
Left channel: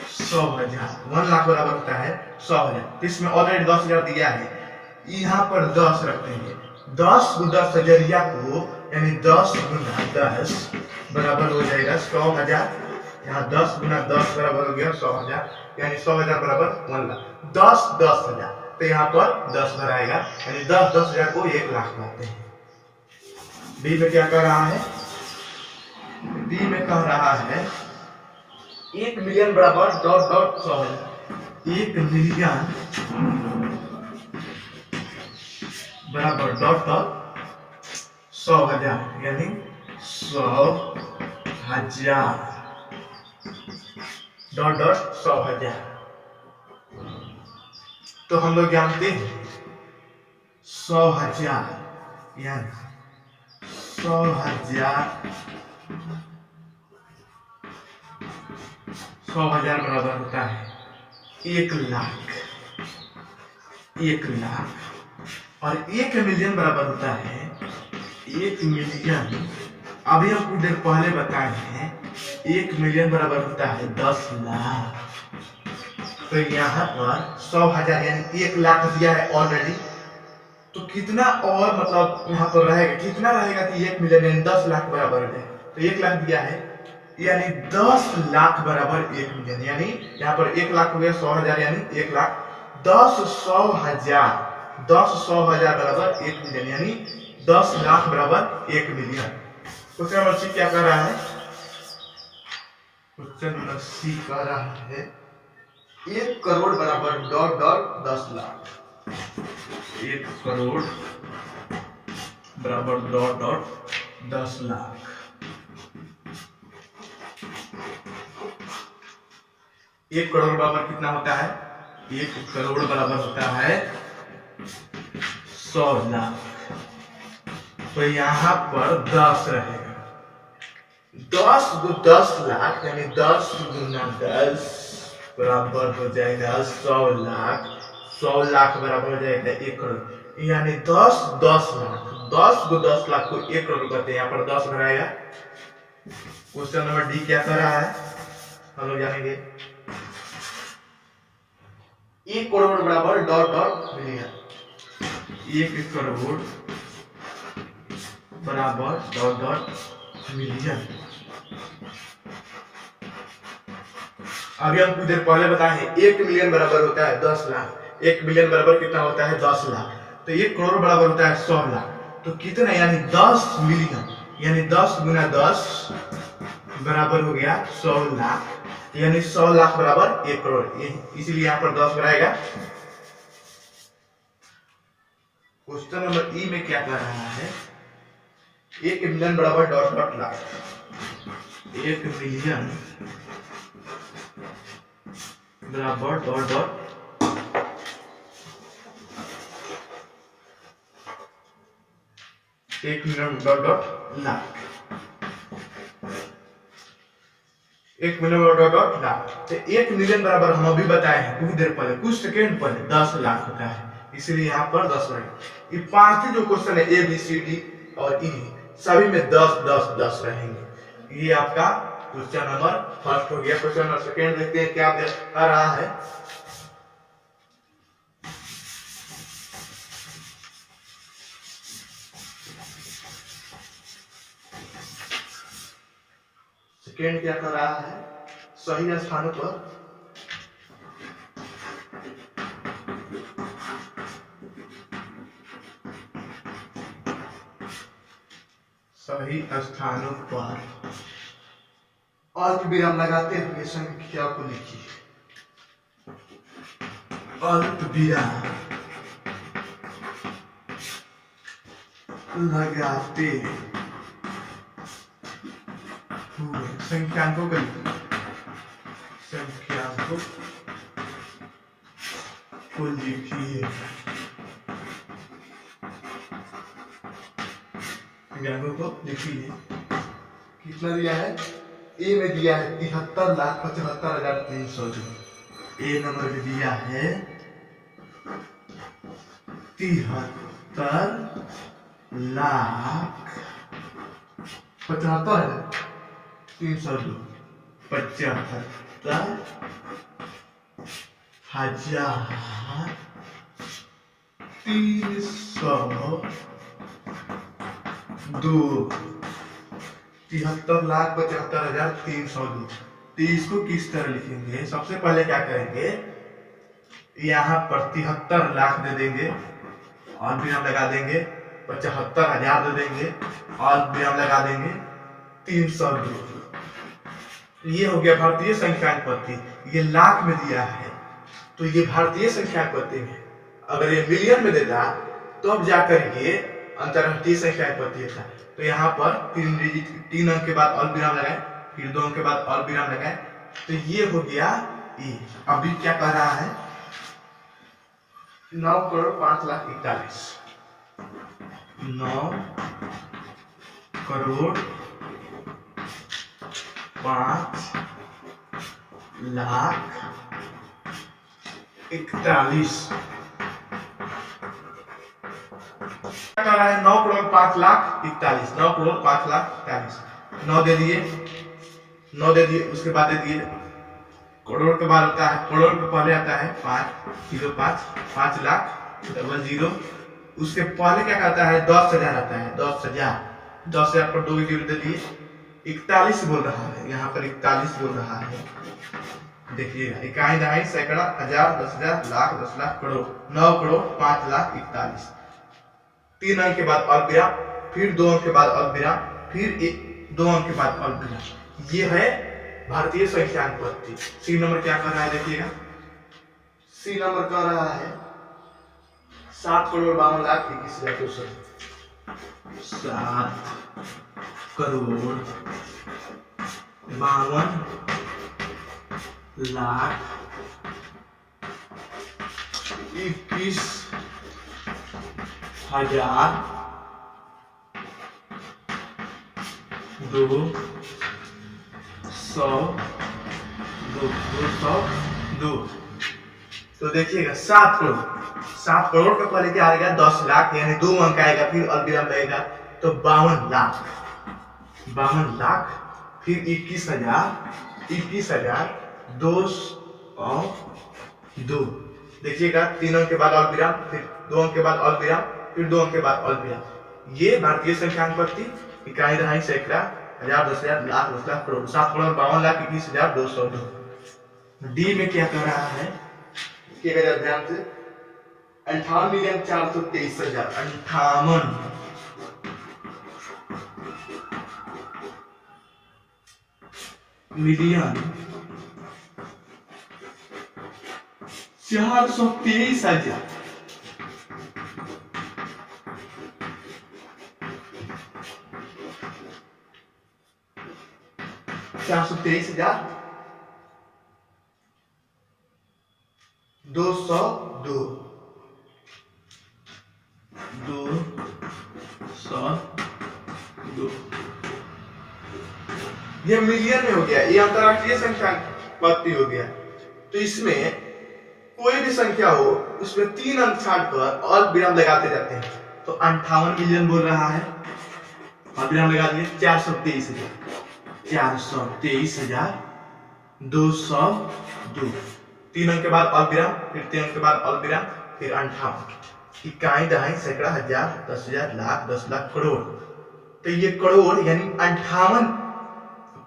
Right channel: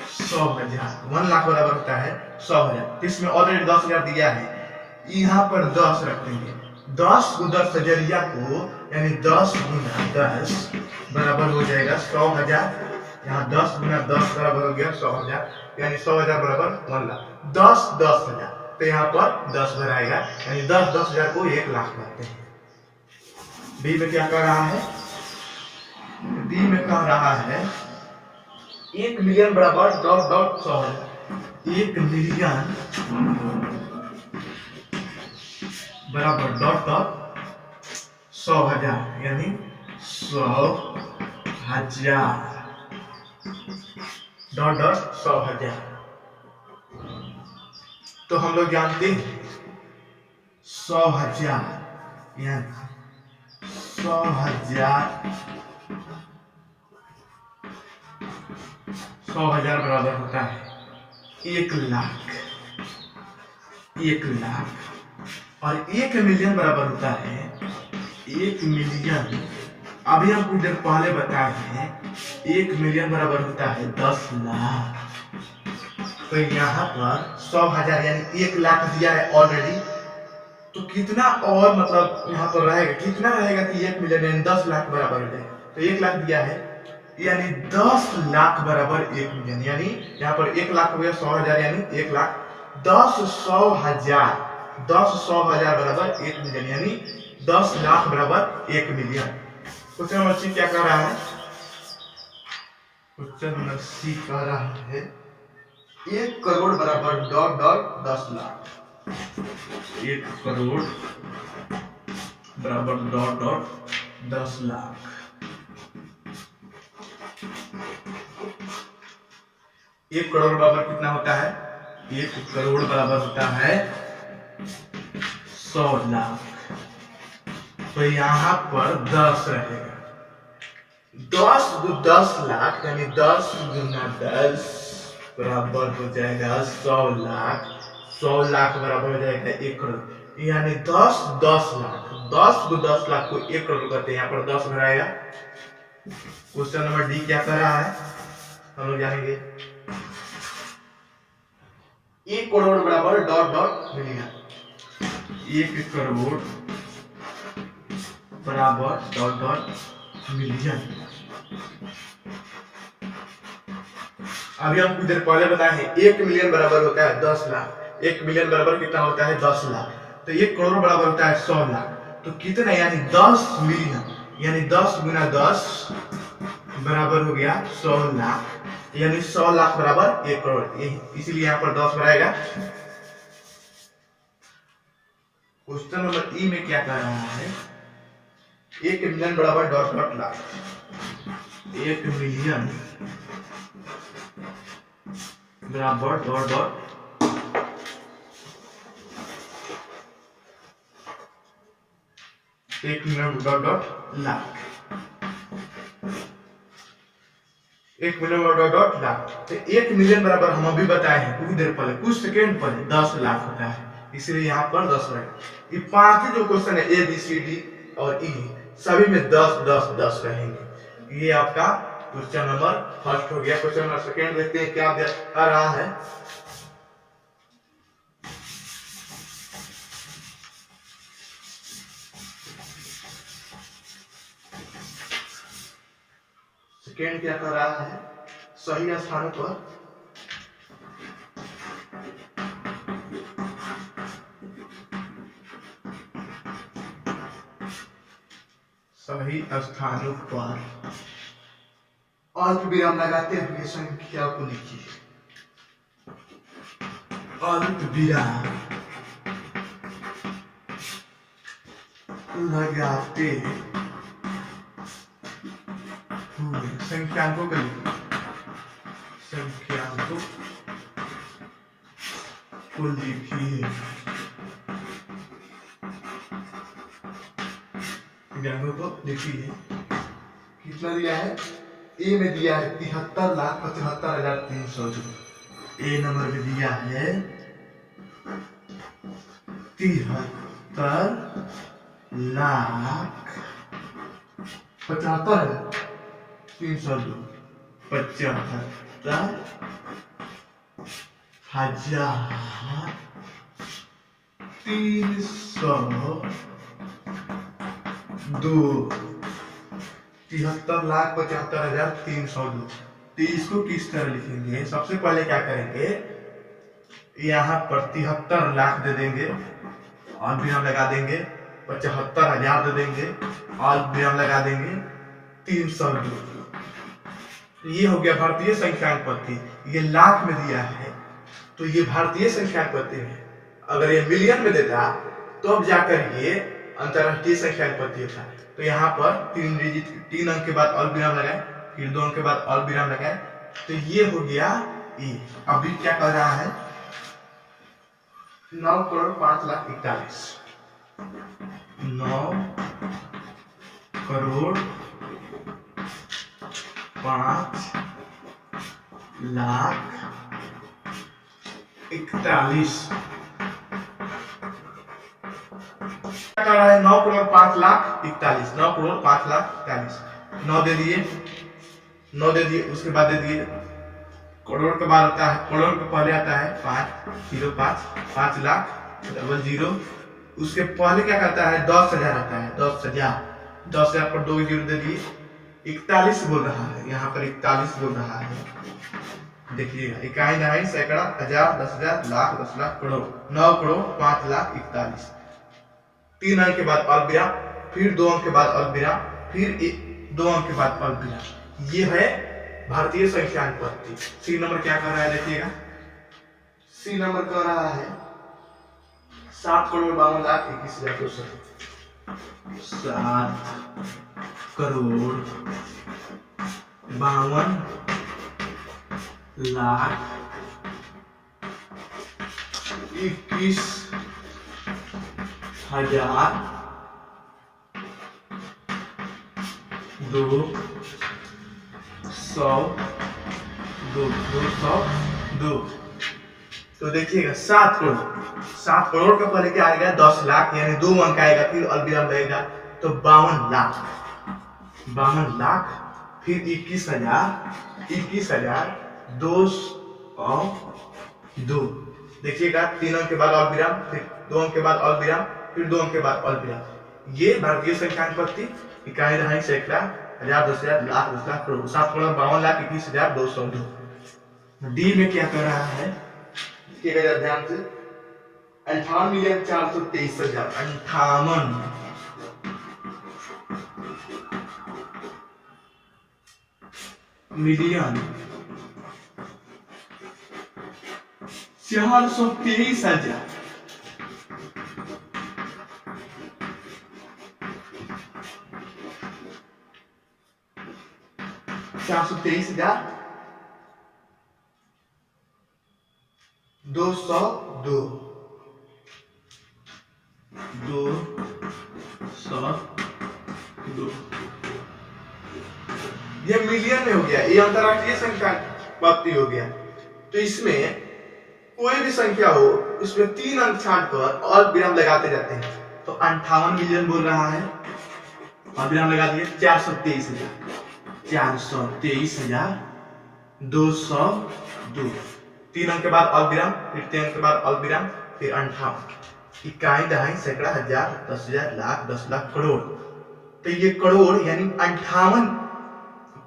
100,000। 1 लाख बराबर होता है 100,000। इसमें ऑलरेडी 10,000 दिया है, यहाँ पर 10 रख देंगे। 10 को 10 हजरिया को यानी 10 गुना 10 बराबर हो जाएगा 100,000। यहाँ 10 गुना 10 बराबर हो गया 100,000, यानी 100,000 बराबर 1 लाख। 10 10,000 तो यहाँ पर 10 भराएगा, यानी 10 10,000 को 1 लाख बनाते हैं। बी में क्या कह रहा है, डी में कह रहा है 1 मिलियन बराबर डॉट डॉट 100,000। 1 मिलियन बराबर डॉट डॉट 100,000, यानी 100,000 डॉट डॉट 100,000। तो हम लोग जानते हैं 100,000 यानी 100,000 बराबर होता है 1 लाख। 1 लाख और 1 मिलियन बराबर होता है 1 मिलियन। अभी हम कुछ देर पहले बताए हैं 1 मिलियन बराबर होता है 10 लाख। तो यहाँ पर 100,000 यानी 1 लाख दिया है ऑलरेडी, तो कितना और मतलब यहाँ पर रहेगा, कितना रहेगा कि 1 मिलियन यानी 10 लाख बराबर हो जाएगा। तो 1 लाख दिया है यानी 10 लाख बराबर 1 मिलियन, यानी यहाँ पर 1 लाख हो गया 100,000 यानी 1 लाख। 10 100,000 बराबर 1 मिलियन, यानी 10 लाख बराबर 1 मिलियन। क्वेश्चन नंबर सी क्या कह रहा है, क्वेश्चन नंबर सी कह रहा है 1 करोड़ बराबर डॉट डॉट 10 लाख। 1 करोड़ बराबर डॉट डॉट 10 लाख। 1 करोड़ बराबर कितना होता है, 1 करोड़ बराबर होता है 100 लाख। तो यहाँ पर 10 रहेगा। 10 को 10 लाख यानी 10 गुना 10 बराबर हो जाएगा 100 लाख। 100 लाख बराबर हो जाएगा 1 करोड़, यानी 10 10 लाख। 10 को 10 लाख को 1 करोड़ कहते हैं, यहाँ पर 10 भराएगा। क्वेश्चन नंबर डी क्या कर रहा है, हम लोग जानेंगे 1 करोड़ बराबर डॉट डॉट मिलियन। 1 करोड़ बराबर डॉट डॉट मिलियन। अभी हम कुछ देर पहले बताए हैं 1 मिलियन बराबर होता है 10 लाख। 1 मिलियन बराबर कितना होता है 10 लाख। तो 1 करोड़ बराबर होता है 100 लाख। तो कितना यानी 10 मिलियन यानी 10 गुना 10 बराबर हो गया 100 लाख। यानी 100 लाख बराबर 1 करोड़। इसीलिए यहाँ पर 10 बनाएगा। क्वेश्चन नंबर ई में क्या कह रहा है 1 मिलियन बराबर डॉट डॉट लाख। 1 मिलियन बराबर डॉट डॉट एक million dot dot lakh. 1 million dot dot lakh. तो 1 मिलियन बराबर हम अभी बताए हैं कुछ देर पहले कुछ सेकेंड पहले 10 लाख होता है। इसलिए यहाँ पर 10 रहेगा। ये पांच जो क्वेश्चन है ए बी सी डी और ई सभी में 10 10 10 रहेंगे। ये आपका क्वेश्चन नंबर फर्स्ट हो गया। क्वेश्चन नंबर सेकेंड देखते हैं क्या आ रहा है। सेकेंड क्या कर रहा है सही स्थानों पर सही स्थानों पर अल्प विराम लगाते हुए संख्या को लिखिए। अल्प विराम लगाते हुए संख्यांकों को लिखिए। संख्यांकों को लिखिए। संख्यांकों को लिखिए। कितना दिया है ए में दिया है 73,75,302। ए नंबर में दिया है 73,75,302। 75,302। 73,75,302। तो इसको किस तरह लिखेंगे सबसे पहले क्या करेंगे यहाँ पर 73 लाख दे देंगे और विराम लगा देंगे। 75,000 दे देंगे और विराम लगा देंगे 302। ये हो गया भारतीय संख्यांक पद्धति। ये लाख में दिया है तो ये भारतीय संख्यांक पद्धति है। अगर ये मिलियन में देता तो अब जाकर ये अंतरराष्ट्रीय संख्यांक पद्धति था। तो यहाँ पर 3 अंक के बाद अल्प विराम लगाए फिर 2 अंक के बाद अल्प विराम लगाए। तो ये हो गया ये। अभी क्या कर रहा है 9,05,41,9 9,05,41,9 क्या कर रहा है 9,05,41,9 9,05,41,9 9 दे दिए उसके बाद दे दिए करोड़ के बाद आता है करोड़ के पहले आता है 5 लाख 00। उसके पहले क्या करता है 10,000 आता है 10,000 पर 2 जीरो दे दिए 41 बोल रहा है। यहाँ पर 41 बोल रहा है। देखिएगा इकाई दहाई सैकड़ा हजार 10,000 लाख 10 लाख करोड़ 9,05,41,9 3 अंक के बाद अल्प विराम फिर 2 अंक के बाद अल्प विराम फिर 2 अंक के बाद अल्प विराम। ये है भारतीय संख्यांक पद्धति। सी नंबर क्या कर रहा है देखिएगा। सी नंबर कर रहा है 7,52,21,200। 7,52,21,202। तो देखिएगा 7 करोड़ का पहले क्या आएगा 10 लाख यानी 2 अंक आएगा फिर अल्पविराम लगेगा तो 52 लाख फिर 21,202। देखिएगा 3 अंक के बाद अल्पविराम फिर 2 अंक के बाद अल्पविराम फिर 2 अंक के बाद अल्पविराम। ये भारतीय संख्यांक पद्धति इकाई दहाई सैकड़ा हजार, 10,000, लाख, 10 लाख, करोड़। 7,52,21,202। डी में क्या कर रहा है, देखिएगा ध्यान से, 58,423,000, 58 मिलियन 423,000। 423,202, 202। ये मिलियन में हो गया, ये अंतरराष्ट्रीय संख्या पत्ती हो गया। तो इसमें कोई भी संख्या हो, इसमें 3 अंक छाड़कर और विराम लगाते जाते हैं। तो 58 मिलियन बोल रहा है और विराम लगा दिए। 423,000, 423,202। 3 अंक के बाद अल्प विराम, फिर 3 अंक के बाद अल्प विराम, फिर 58। इकाई, दहाई, सैकड़ा, हजार, 10,000, लाख, 10 लाख, करोड़। तो ये करोड़ यानी 58,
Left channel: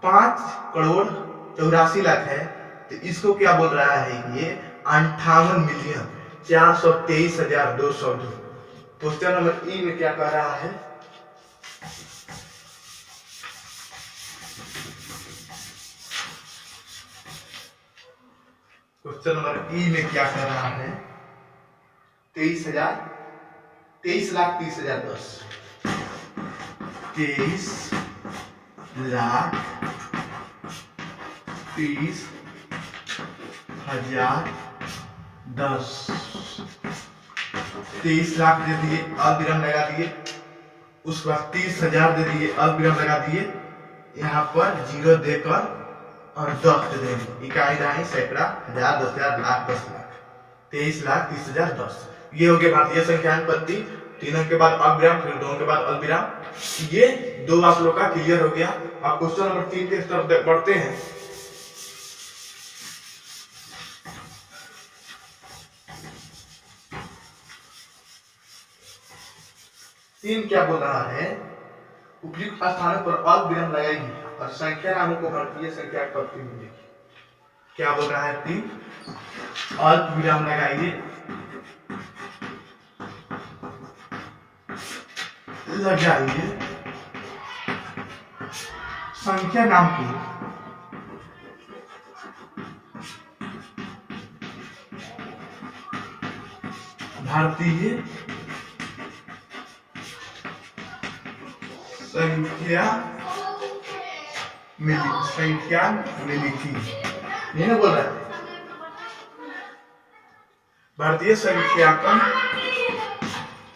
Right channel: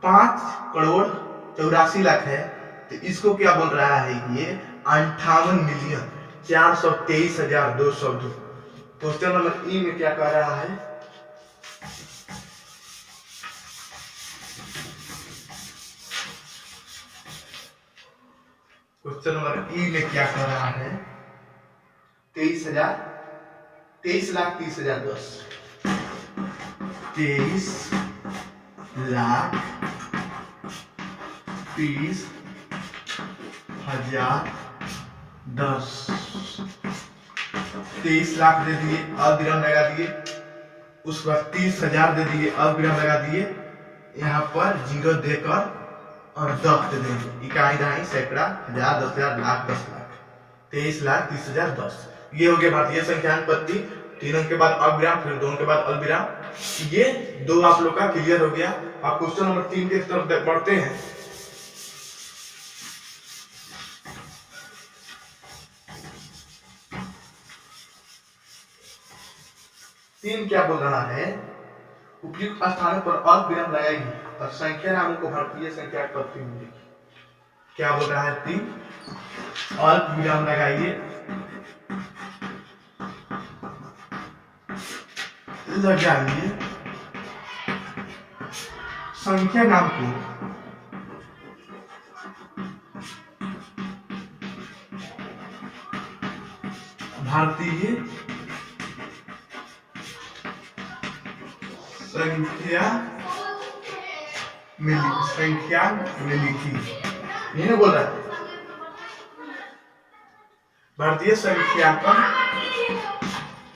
5,84,00,000 है। तो इसको क्या बोल रहा है, ये 58,423,202। क्वेश्चन नंबर ई में क्या कह रहा है, क्वेश्चन नंबर ई में क्या कर रहा है, 23,30,10। 23,30,10। 23 लाख दे दिए, अल्प विराम लगा दिए। उसके बाद 30,000 दे दिए, अल्प विराम लगा दिए। यहाँ पर 0 देकर और 10 दे देंगे। इकाई, दहाई, सैकड़ा, हजार, 10,000, लाख, 10 लाख। 23,30,10। ये हो गया भारतीय संख्यांक पद्धति। 3 अंक के बाद अल्प विराम, फिर 2 अंक के बाद अल्प विराम। ये 2 आप लोग का क्लियर हो गया। अब क्वेश्चन नंबर 3 के तरफ बढ़ते हैं। तीन क्या बोल रहा है, उपयुक्त स्थानों पर अल्प विराम लगाएगी और संख्या नामों को भारतीय संख्यांक पद्धति मिलेगी। क्या बोल रहा है, 3 अल्प विराम लगाइए, संख्या नाम को भारतीय संख्या में लिखी। ये ना बोल रहा है, भारतीय संख्यांकन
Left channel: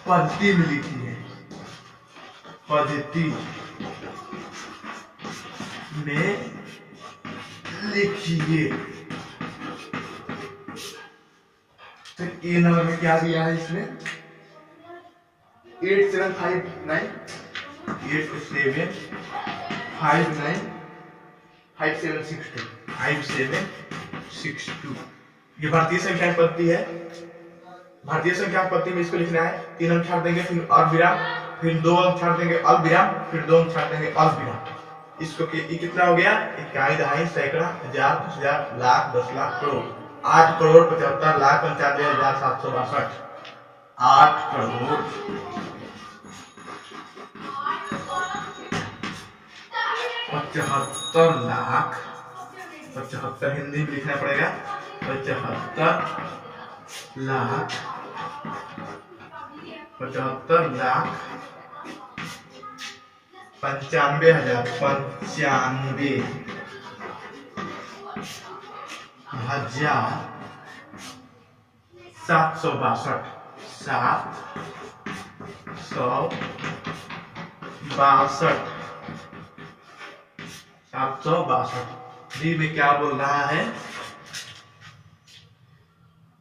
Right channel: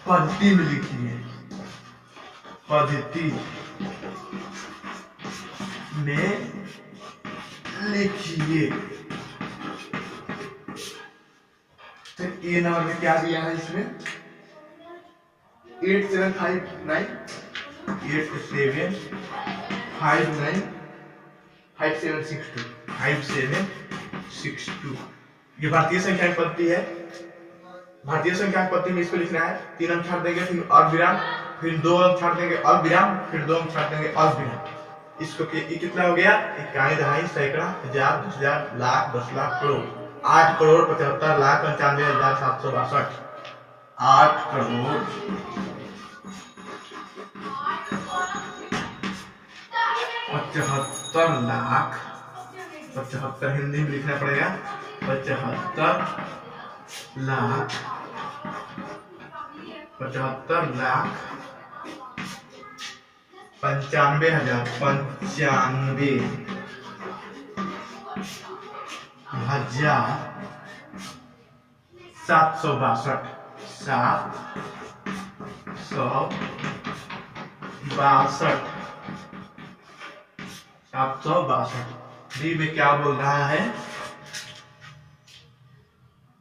पद्धति में लिखी है, पद्धति में लिखिए। तो ए नंबर में क्या दिया है, इसमें 8759 5762। ये भारतीय संख्या पद्धति है। भारतीय संख्या पद्धति में इसको लिखना है। 3 अंक छाड़ देंगे, फिर अल्प विराम, फिर 2 अंक छाड़ देंगे, अल्प विराम, फिर 2 अंक छाड़ देंगे, अल्प विराम। इसको कितना हो गया, इकाई, दहाई, सैकड़ा, हजार, 10,000, लाख, 10 लाख, करोड़। 8,75,95,762। 8,75,00,000, 75 हिंदी में लिखना पड़ेगा, 75,00,000, 95,000, 95,762। 762। डी में क्या बोल रहा है,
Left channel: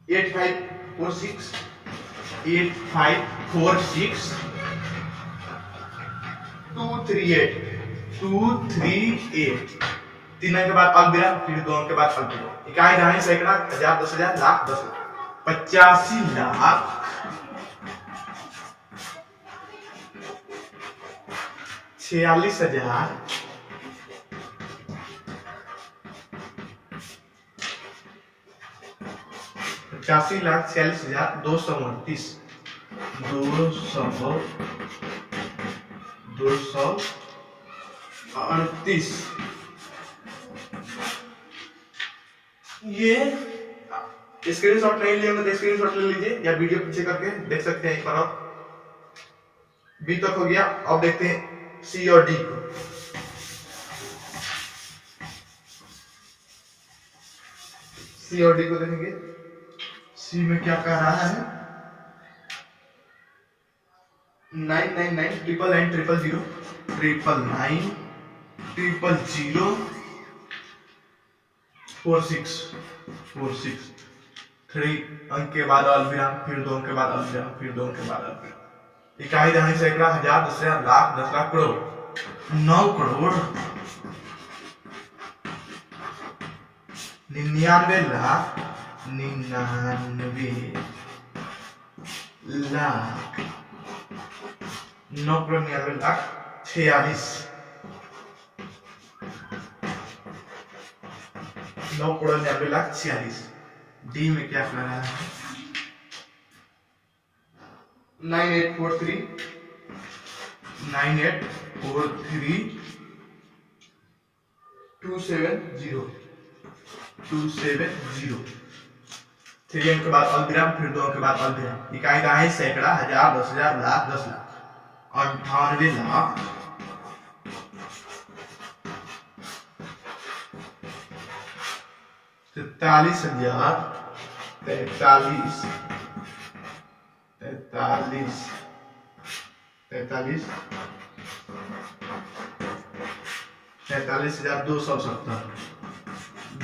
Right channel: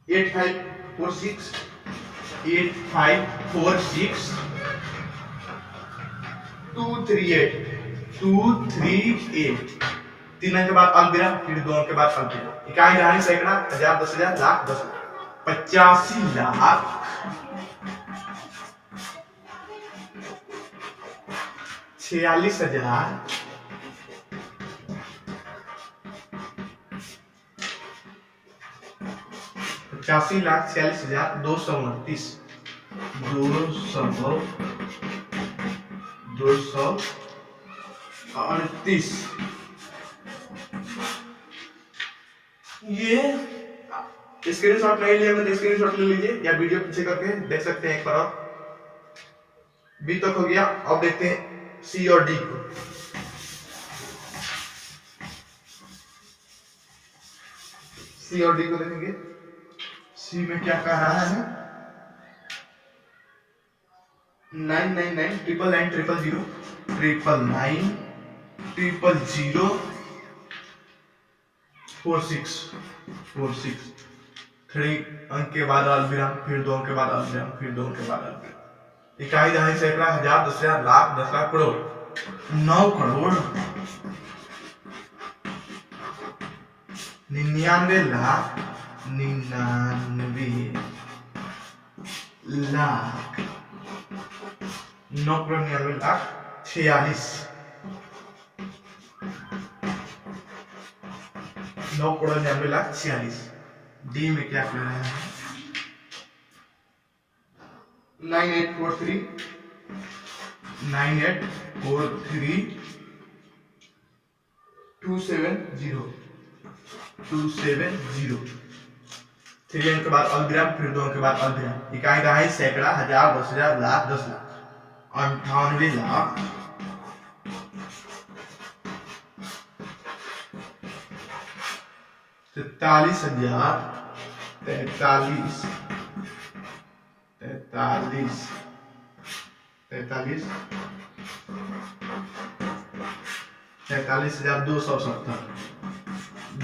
8546 238। 3 अंक के बाद अल्प विराम, फिर 2 अंक के बाद अल्प विराम। इकाई, दहाई, सैकड़ा, हजार, 10,000, लाख, 10 लाख। 85,00,000, 46,000, 85,46,229 238। ये स्क्रीनशॉट नहीं लिया तो स्क्रीनशॉट ले लीजिए या वीडियो पीछे करके देख सकते हैं एक बार। और बी तक हो गया, अब देखते हैं सी और डी को। सी और डी को देखेंगे। सी में क्या कह रहा है? 999 3 अंक के बाद अल्पविराम, फिर 2 अंक के बाद अल्पविराम, फिर 2 अंक के बाद अल्पविराम। इकाई, दहाई, सैकड़ा, हजार, 10,000, लाख, 10 लाख, करोड़। 9 करोड़ 99 लाख 99 लाख 9 करोड़ 99 लाख 46 9 करोड़ 99 लाख 46। डी में क्या कर रहा है? 9843 270 3 अंक के बाद अल्पविराम, फिर 2 अंक के बाद अल्पविराम। इकाई, दहाई, सैकड़ा, हजार, 10,000, लाख, 10 लाख। 98 लाख 43,000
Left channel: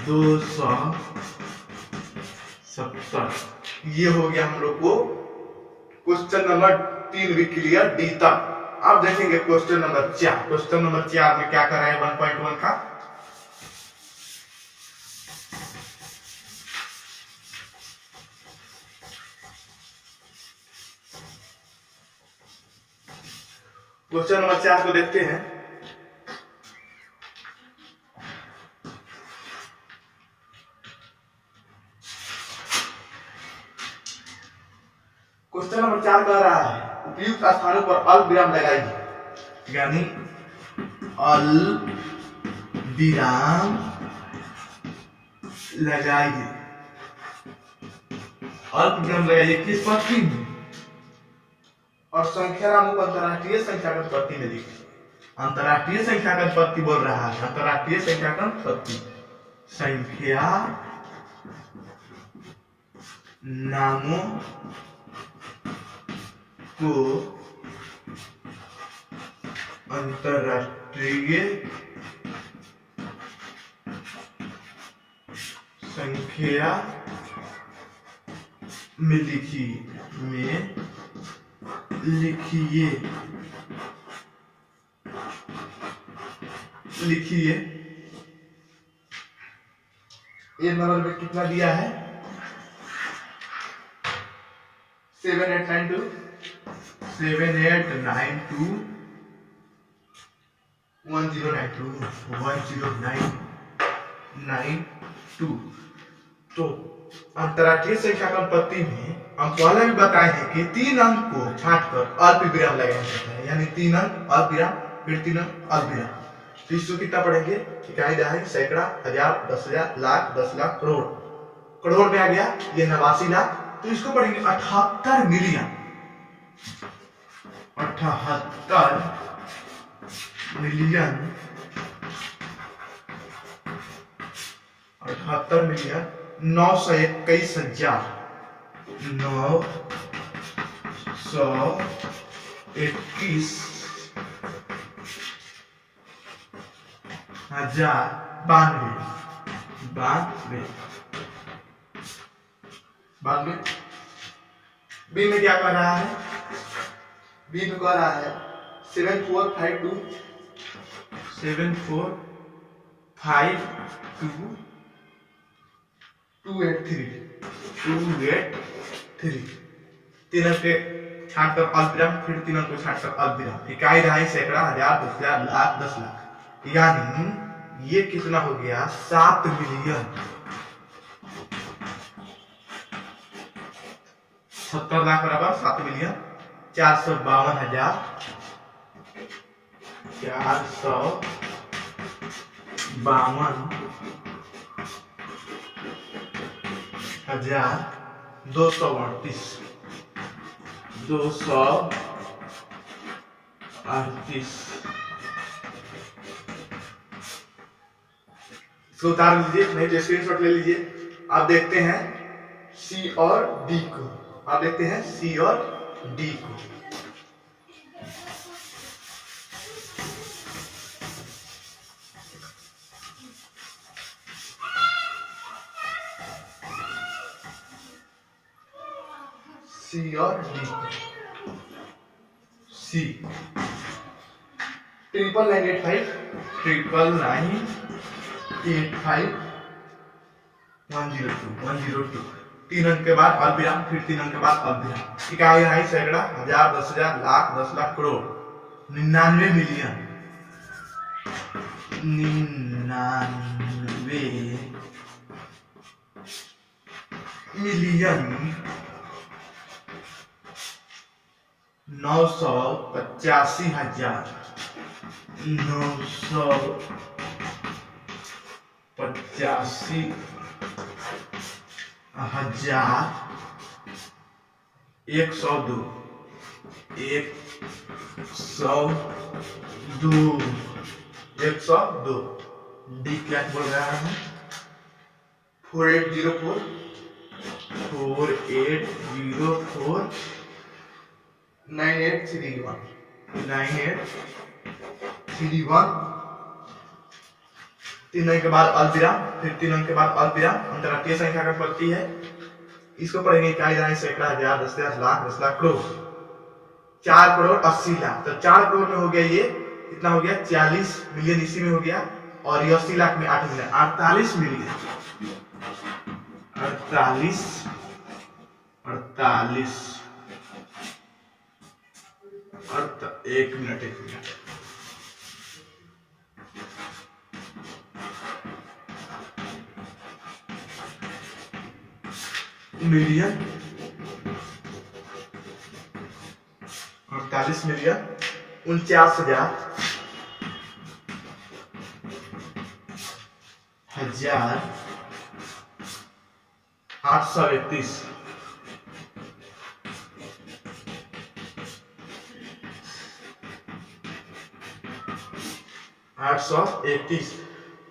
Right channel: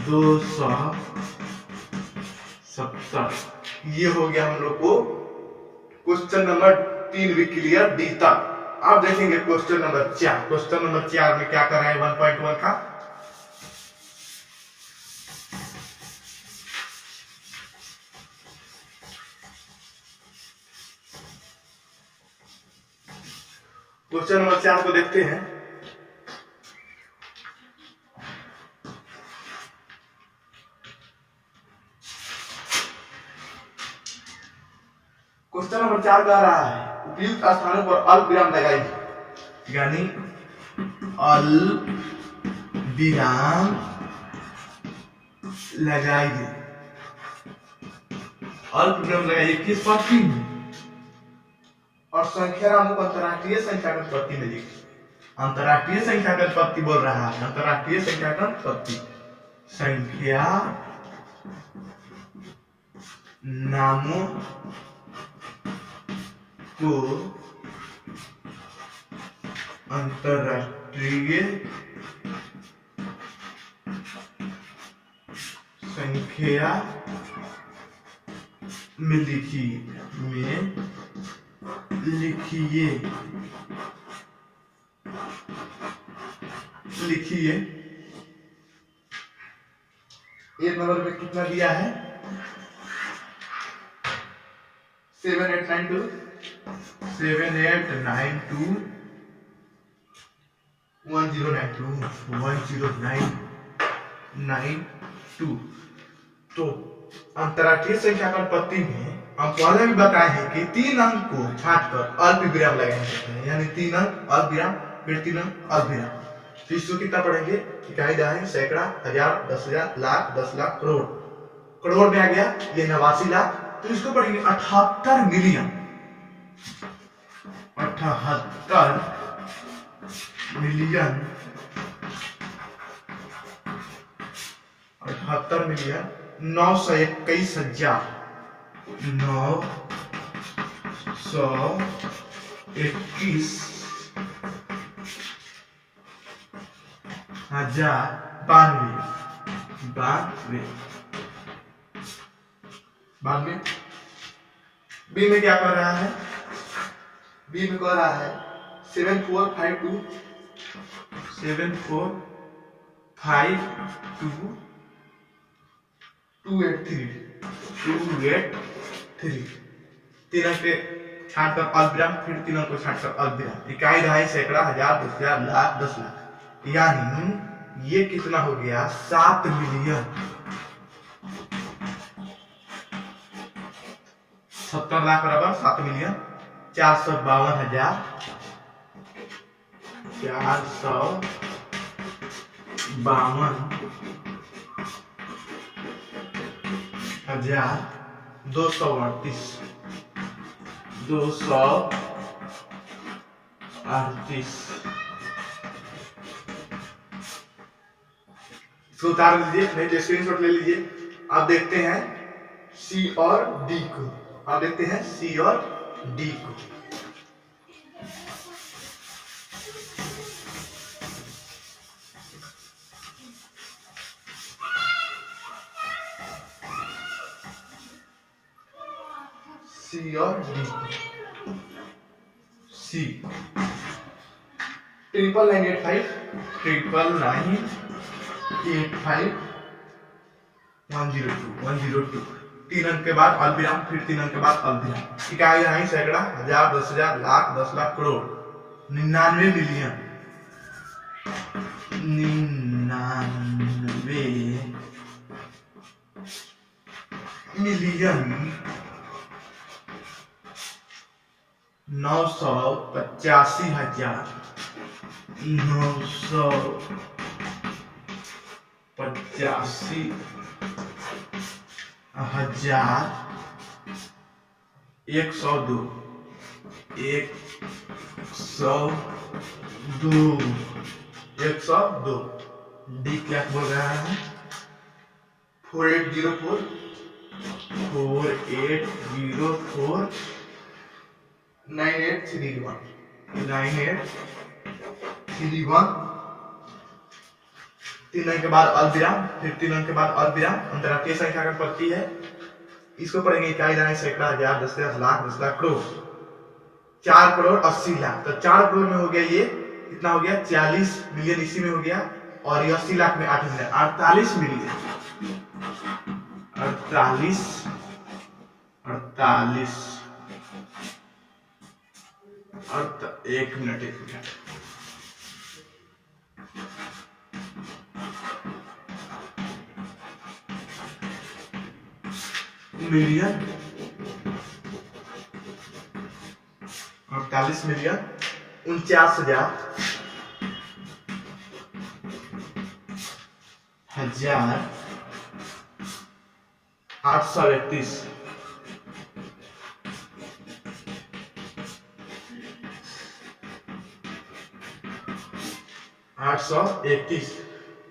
270। ये हो गया हम लोग को क्वेश्चन नंबर 3 भी क्लियर, डी तक। अब देखेंगे क्वेश्चन नंबर 4। क्वेश्चन नंबर 4 में क्या कर रहे हैं 1.1 का? क्वेश्चन नंबर 4 को देखते हैं। क्वेश्चन नंबर 4 कह रहा है उपयुक्त स्थानों पर अल्पविराम लगाइए, यानी अल्पविराम लगाइए। अल्पविराम लगाइए किस पत्ती में? और संख्या नामों को अंतरराष्ट्रीय संख्याकन पत्ती में लिखिए। अंतरराष्ट्रीय संख्याकन पत्ती बोल रहा है, अंतरराष्ट्रीय संख्याकन पत्ती। संख्या नामों को अंतरराष्ट्रीय संख्या में लिखिए ये नंबर में कितना दिया है? 7892 1092। तो अंतरराष्ट्रीय संख्याकन पत्ती में हम पहले भी बताए हैं कि 3 अंक को छांटकर अल्पविराम लगाया जाता है, यानी 3 अंक अल्पविराम, फिर 3 अंक अल्पविराम। तो इसको कितना पढ़ेंगे? इकाई, दहाई, सैकड़ा, हजार, 10,000, लाख, 10 लाख, करोड़। करोड़ में आ गया ये 89 लाख। तो इसको पढ़ेंगे 78 मिलियन। 78 मिलियन 921,000 92। बी में क्या कह रहा है? बी में कह रहा है 7452 283। 3 अंक के छांटकर अल्पविराम, फिर 3 अंक को छांटकर अल्पविराम। इकाई, दहाई, सैकड़ा, हजार, 10,000, लाख, 10 लाख। यानी ये कितना हो गया? 7 मिलियन 70 लाख बराबर 7,452,452 हजार 238 इसको उतार लीजिए, नहीं तो स्क्रीनशॉट ले लीजिए। आप देखते हैं सी और डी को, आप देखते हैं सी और डी को। सी और डी, सी 99985 102 3 अंक के बाद अल्पविराम, फिर 3 अंक के बाद अल्पविराम। इकाई यहाँ सैकड़ा, हजार, 10,000, लाख, 10 लाख, करोड़, 99 मिलियन, 985,102 102 डी क्या बोल रहा है 4804 9831 3 अंक के बाद अल्पविराम, फिर 3 अंक के बाद अल्पविराम, अंतरराष्ट्रीय संख्या का पत्ती है। इसको पढ़ेंगे इकाई जाने सैकड़ा, हजार, 10,000, लाख, 10 लाख, करोड़, 4 करोड़ 80 लाख। तो 4 करोड़ में हो गया ये कितना हो गया 40 मिलियन, इसी में हो गया। और ये 80 लाख में 8 million, 48 million, 1 minute million, 48 million 49,831 831।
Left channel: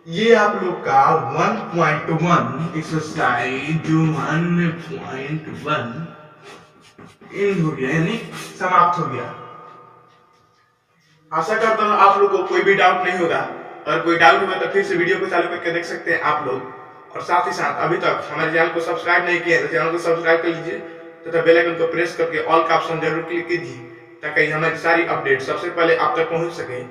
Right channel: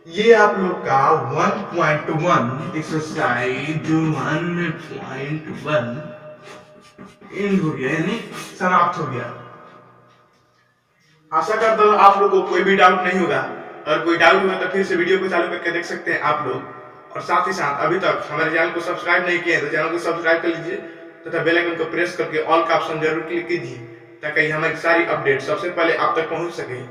ये आप लोग का 1.1 एक्सरसाइज 1.1 एंड हो गया, यानी समाप्त हो गया। आशा करता हूँ आप लोग को कोई भी डाउट नहीं होगा। अगर कोई डाउट होगा तो फिर से वीडियो को चालू करके देख सकते हैं आप लोग। और साथ ही साथ अभी तक हमारे चैनल को सब्सक्राइब नहीं किया तो चैनल को सब्सक्राइब कर लीजिए तथा बेल आइकन को प्रेस करके ऑल का ऑप्शन जरूर क्लिक कीजिए ताकि हमारी सारी अपडेट सबसे पहले आप तक पहुंच सके।